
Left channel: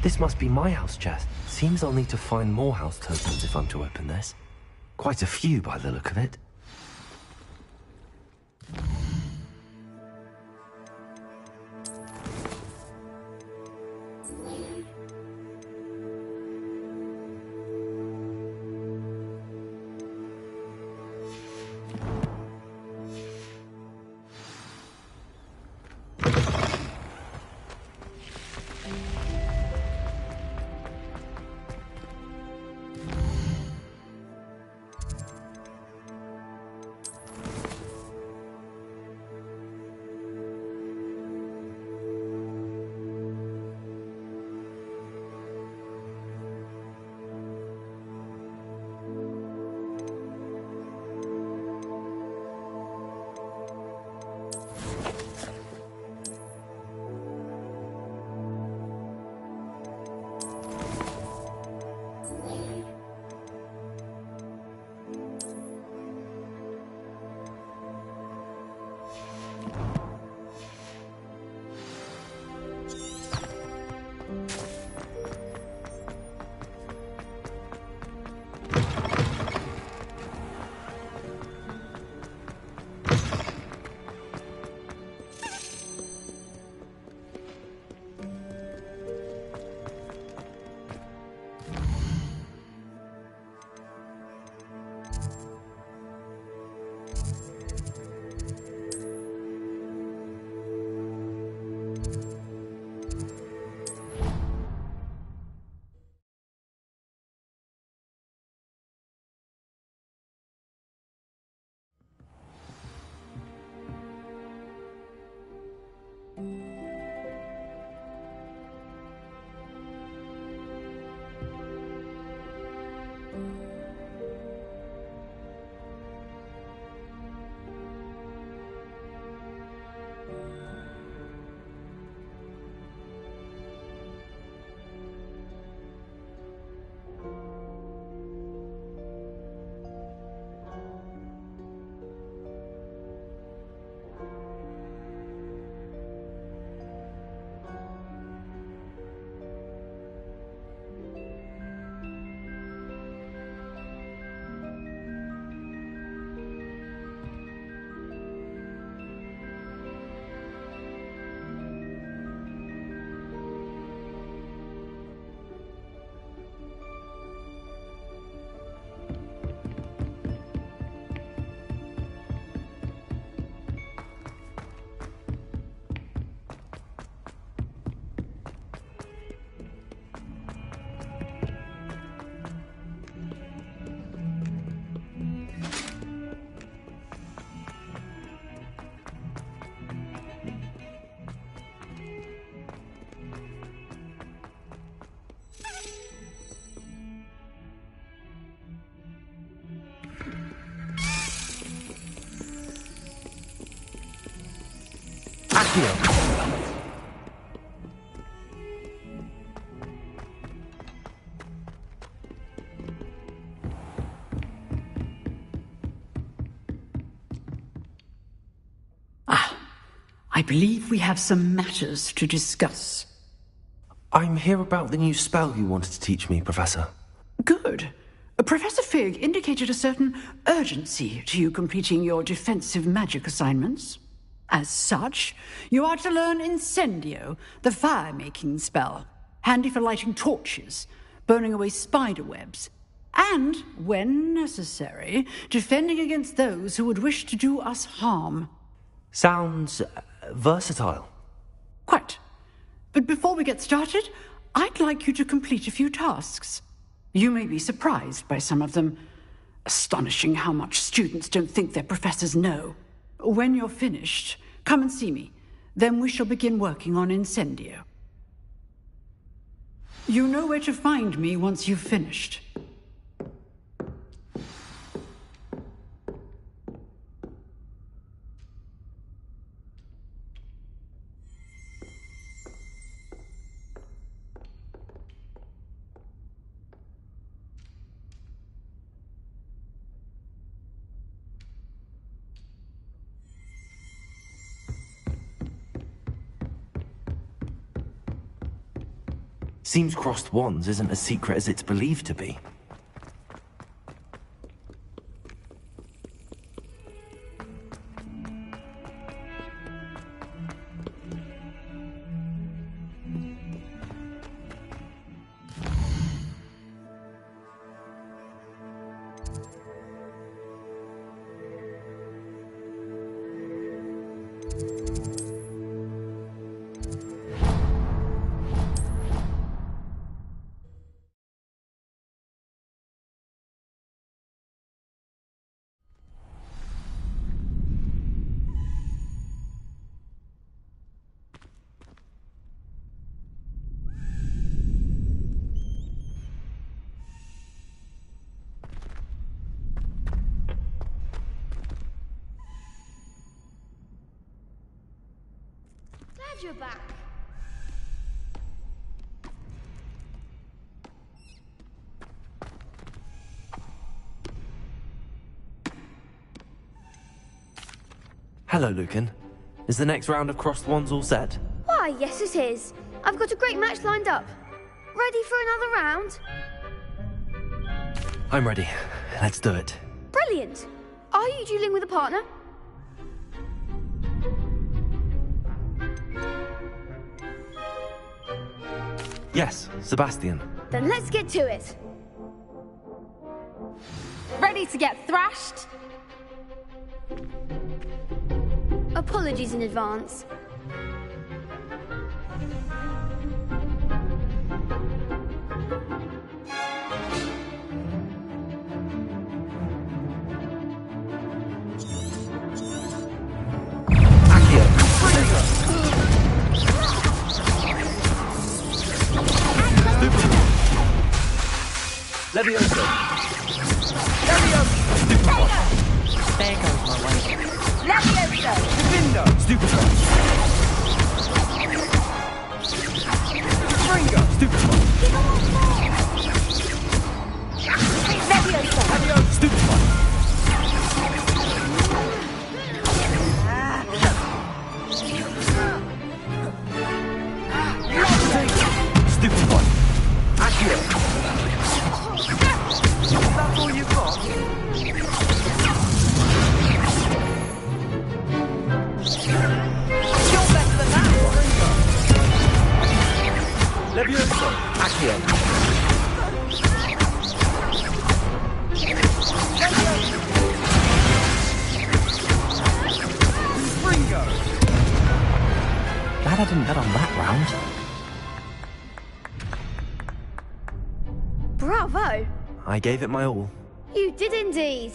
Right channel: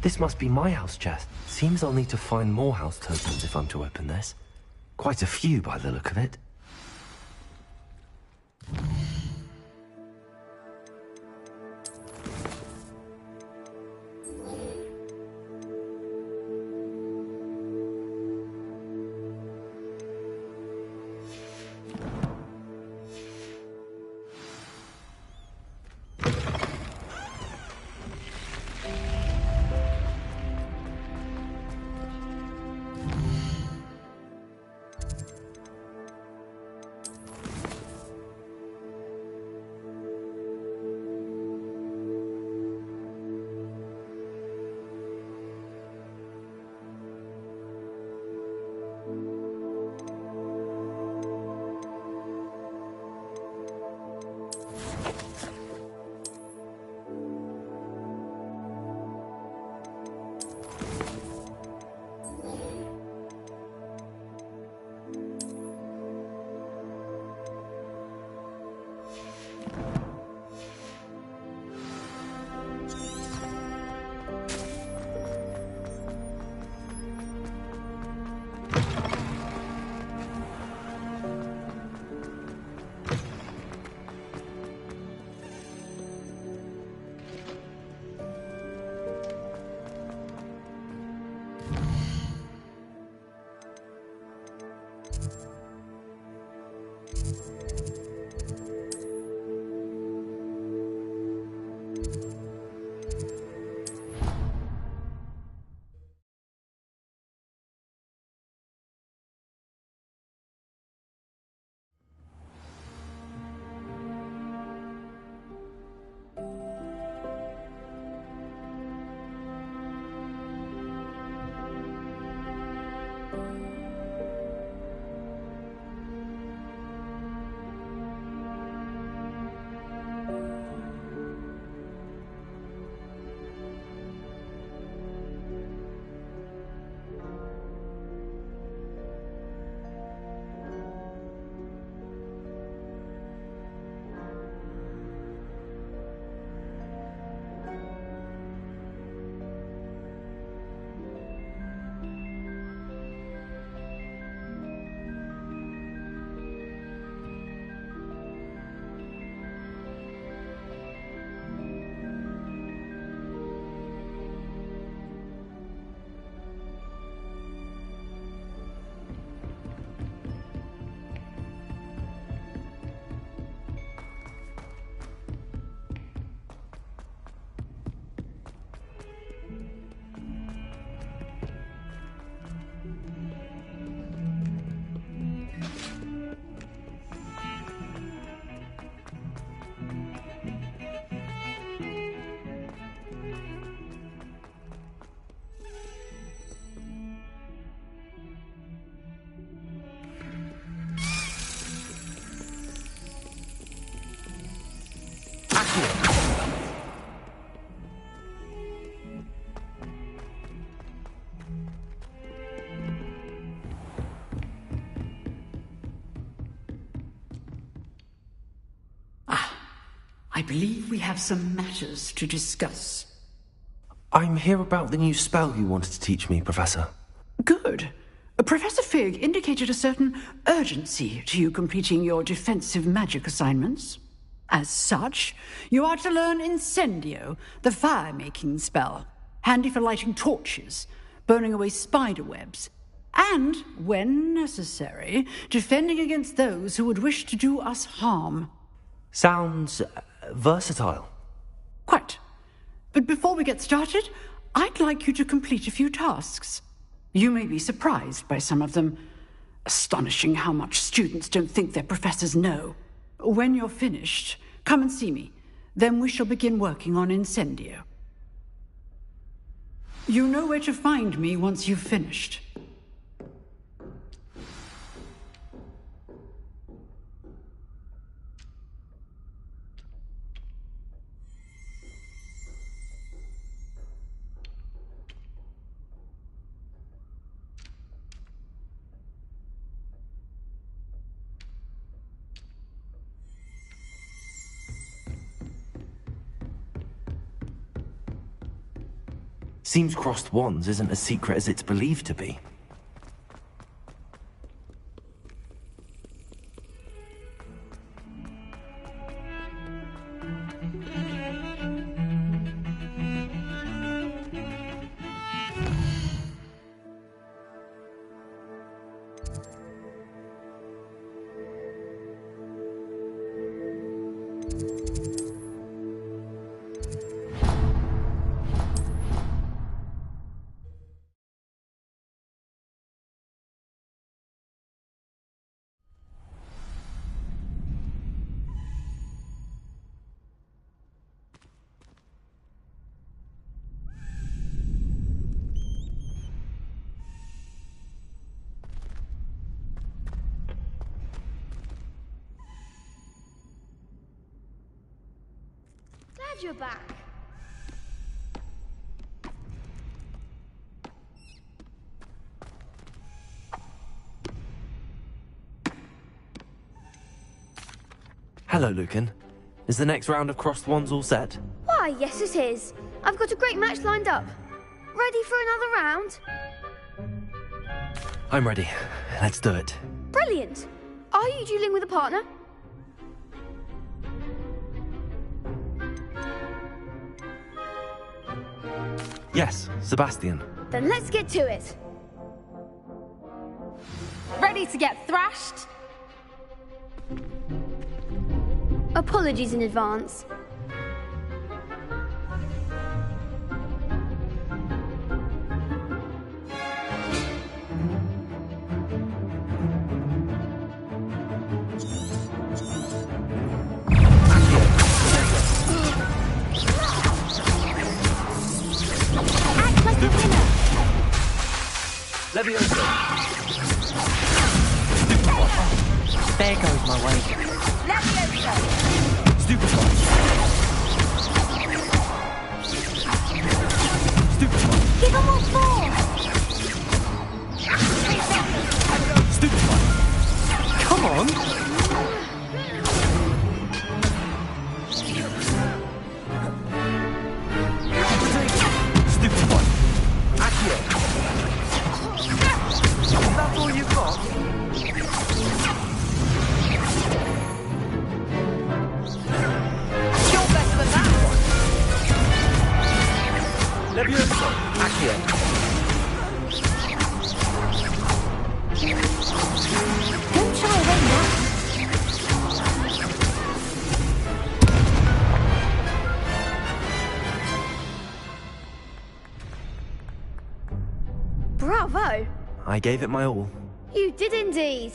This must be my house chest. Seems I'll need to find more house tokens if I'm to open this. Quite a few by the look of it. Accio. I believe we have some matters to discuss. I'm here about the new spell you wanted to teach me, Professor. Good. Professor Fig indicated a certain urgency to you completing your defensive magic assignments. As such, you are to learn Incendio, the fire-making spell, handy for lighting torches, burning away spider webs, and, when necessary, defending against those who would wish to do us harm. Sounds versatile. Quite. But before we get started, I'd like you to complete a few tasks. You may be surprised by some of them. Astonishing how much students don't think their professors know. When you're finished, come and see me. Then we shall begin working on Incendio. You know where to find me once you've finished. Seems crossed wands isn't as secret as it's believed to be. You're back. Hello, Lucan. Is the next round of crossed wands all set? Why, yes it is. I've got a great match lined up. Ready for another round? I'm ready. Let's do it. Brilliant. Are you dueling with a partner? Yes, Sebastian. Then let's get to it. Ready to get thrashed? Apologies in advance. Levioso. There goes my way. Levioso! Stupefy. Stupefy. Give him all four! Levioso! Stupefy. Come on. Stupefy. Accio. That's all you've got? You're better than that one! Levioso. Accio. Glad I didn't bet on that round. Bravo! I gave it my all. You did indeed.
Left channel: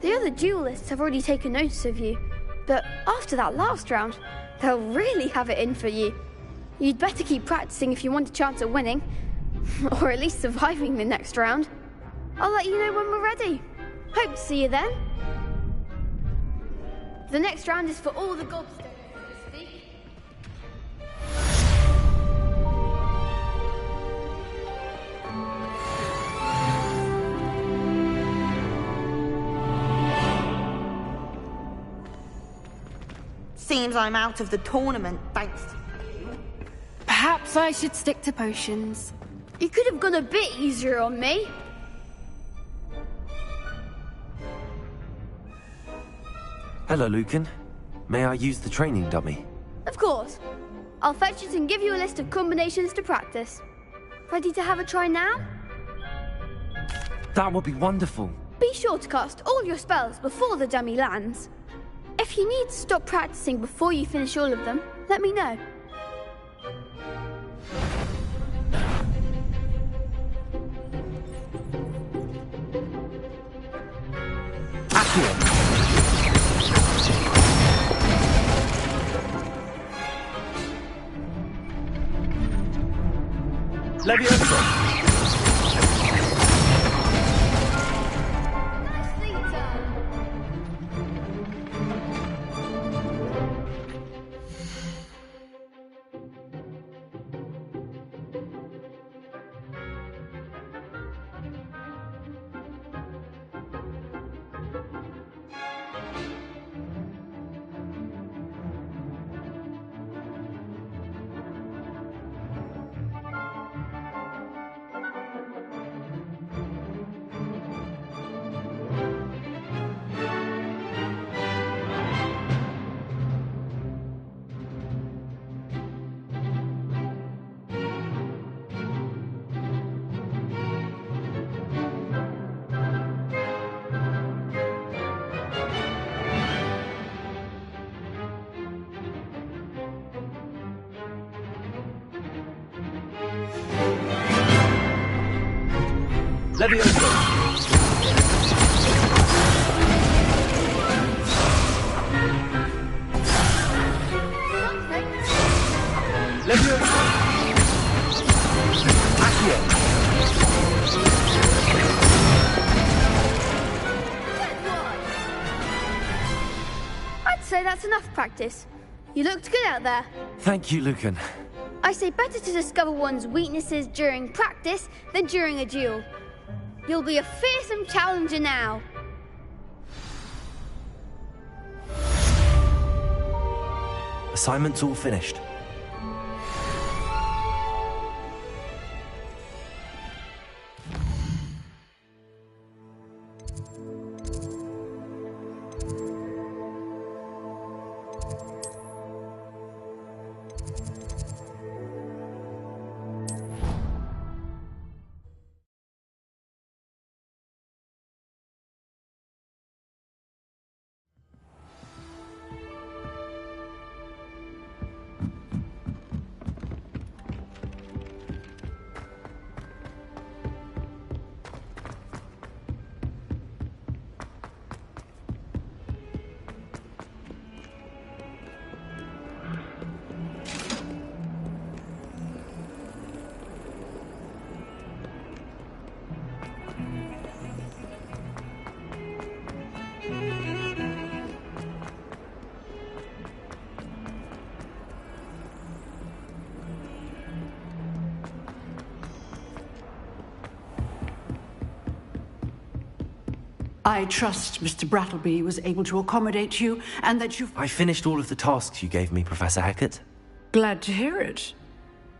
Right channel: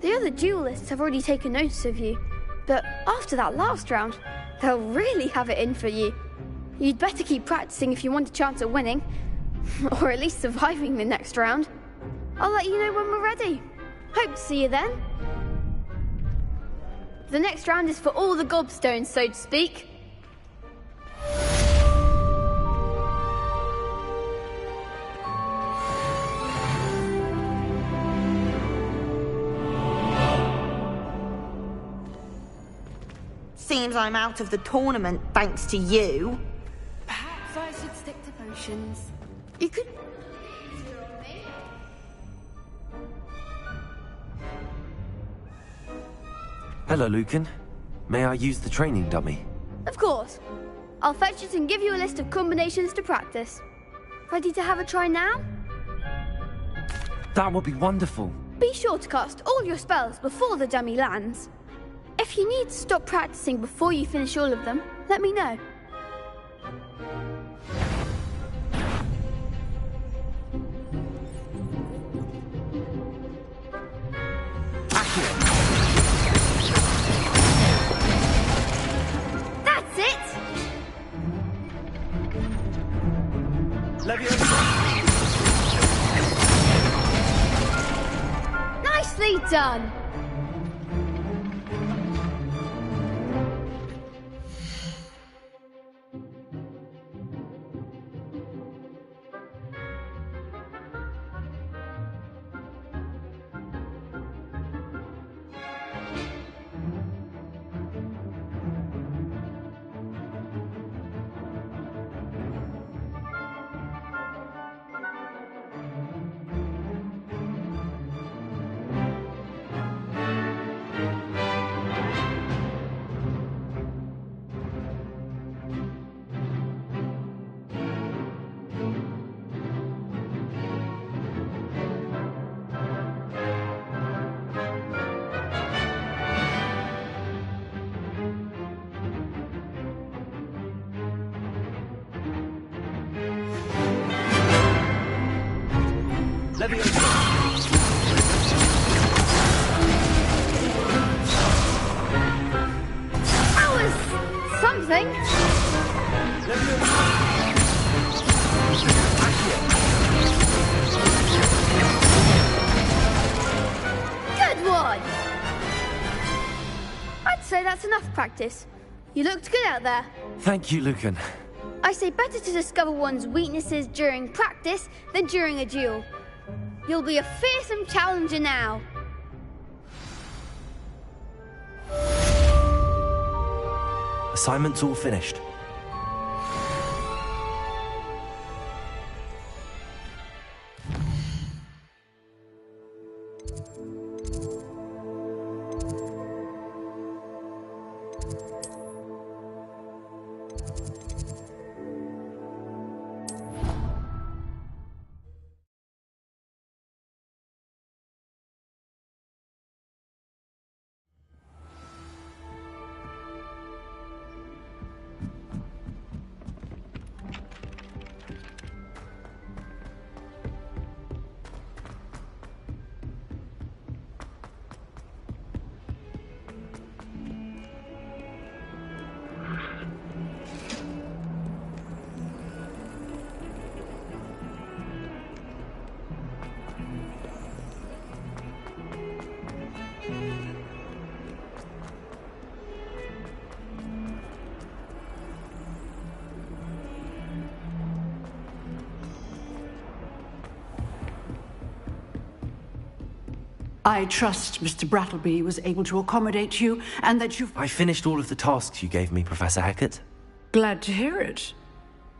The other duelists have already taken notice of you, but after that last round, they'll really have it in for you. You'd better keep practicing if you want a chance at winning, or at least surviving the next round. I'll let you know when we're ready. Hope to see you then. The next round is for all the gobstones, so to speak. Seems I'm out of the tournament thanks to you. Perhaps I should stick to potions. You could have gone a bit easier on me. Hello, Lucan. May I use the training dummy? Of course. I'll fetch it and give you a list of combinations to practice. Ready to have a try now? That would be wonderful. Be sure to cast all your spells before the dummy lands. If you need to stop practicing before you finish all of them, let me know. That's it! Nicely done! That was something. Good one. I'd say that's enough practice. You looked good out there. Thank you, Lucan. I say better to discover one's weaknesses during practice than during a duel. You'll be a fearsome challenger now. Assignment's all finished. I trust Mr. Brattleby was able to accommodate you, and that you've... I finished all of the tasks you gave me, Professor Hackett. Glad to hear it.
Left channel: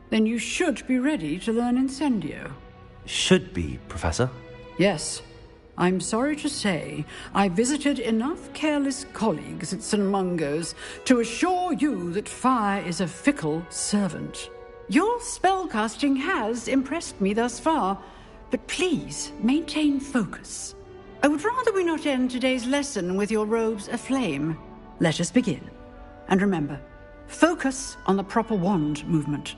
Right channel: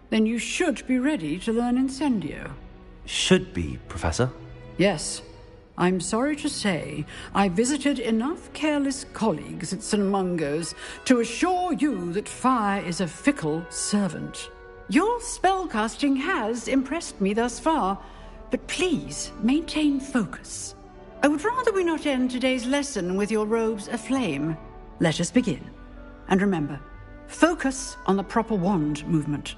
Then you should be ready to learn Incendio. Should be, Professor. Yes. I'm sorry to say, I visited enough careless colleagues at St. Mungo's to assure you that fire is a fickle servant. Your spellcasting has impressed me thus far, but please maintain focus. I would rather we not end today's lesson with your robes aflame. Let us begin. And remember, focus on the proper wand movement.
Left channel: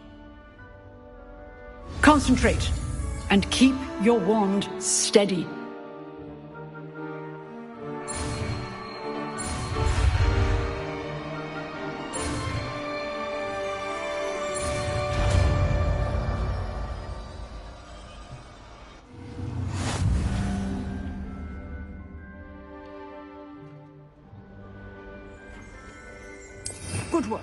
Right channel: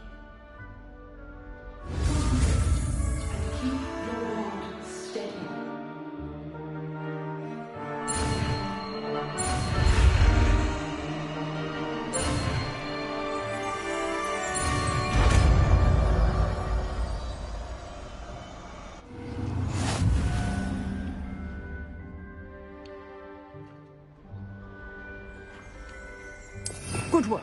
Concentrate, and keep your wand steady. Good work.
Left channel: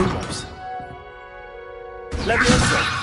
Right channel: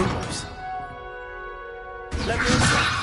Lumos. Leviosa.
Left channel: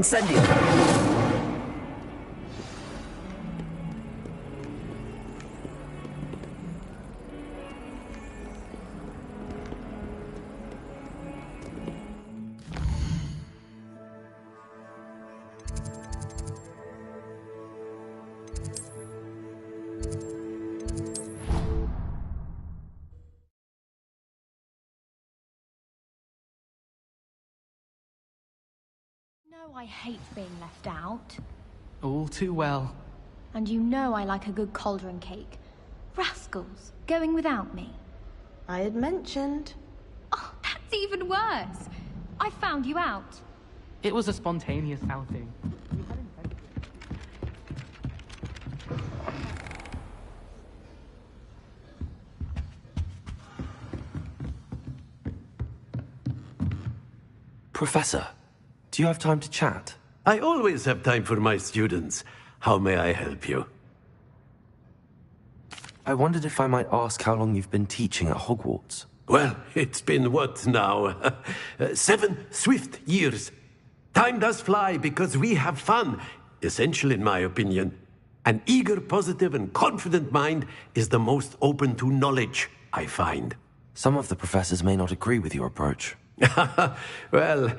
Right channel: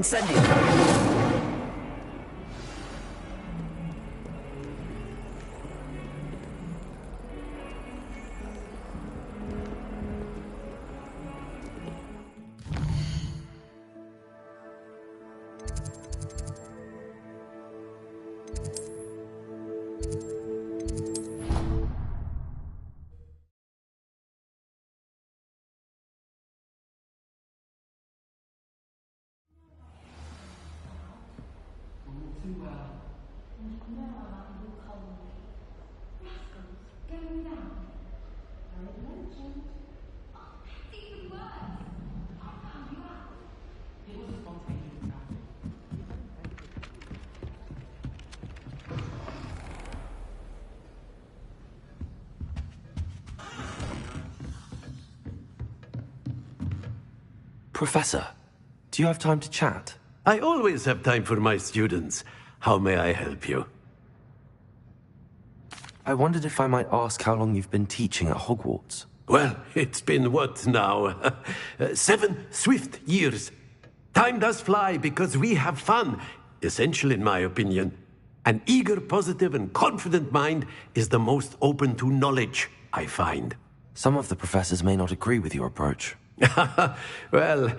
Incendio! I hate being left out. All too well. And you know I like a good cauldron cake. Rascals, going without me. I had mentioned. Oh, that's even worse. I found you out. It was a spontaneous outing. Professor, do you have time to chat? I always have time for my students. How may I help you? I wondered if I might ask how long you've been teaching at Hogwarts. Well, it's been what now? 7 swift years. Time does fly because we have fun. Essential in my opinion. An eager, positive, and confident mind is the most open to knowledge, I find. Some of the professors may not agree with your approach. Well,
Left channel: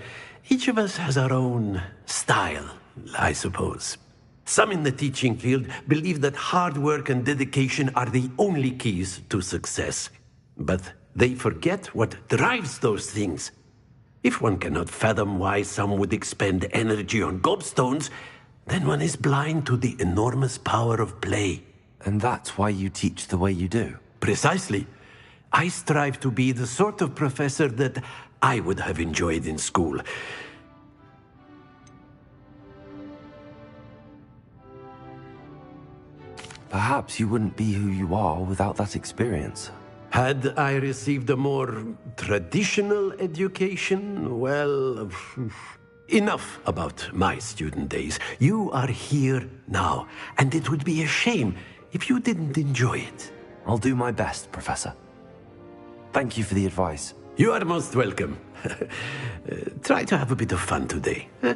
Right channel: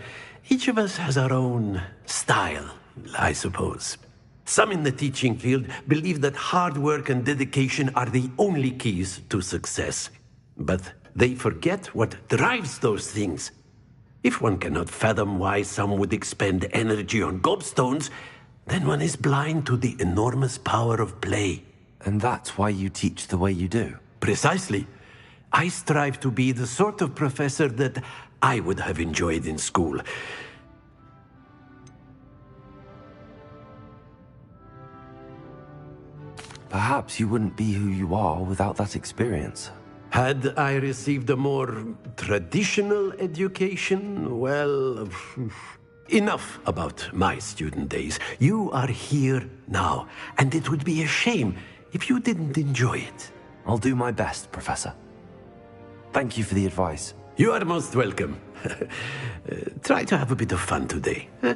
each of us has our own style, I suppose. Some in the teaching field believe that hard work and dedication are the only keys to success. But they forget what drives those things. If one cannot fathom why some would expend energy on gobstones, then one is blind to the enormous power of play. And that's why you teach the way you do? Precisely. I strive to be the sort of professor that I would have enjoyed in school. Perhaps you wouldn't be who you are without that experience. Had I received a more traditional education, well, enough about my student days. You are here now, and it would be a shame if you didn't enjoy it. I'll do my best, Professor. Thank you for the advice. You are most welcome. Try to have a bit of fun today. Huh?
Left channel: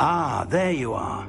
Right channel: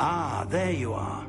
Ah, there you are.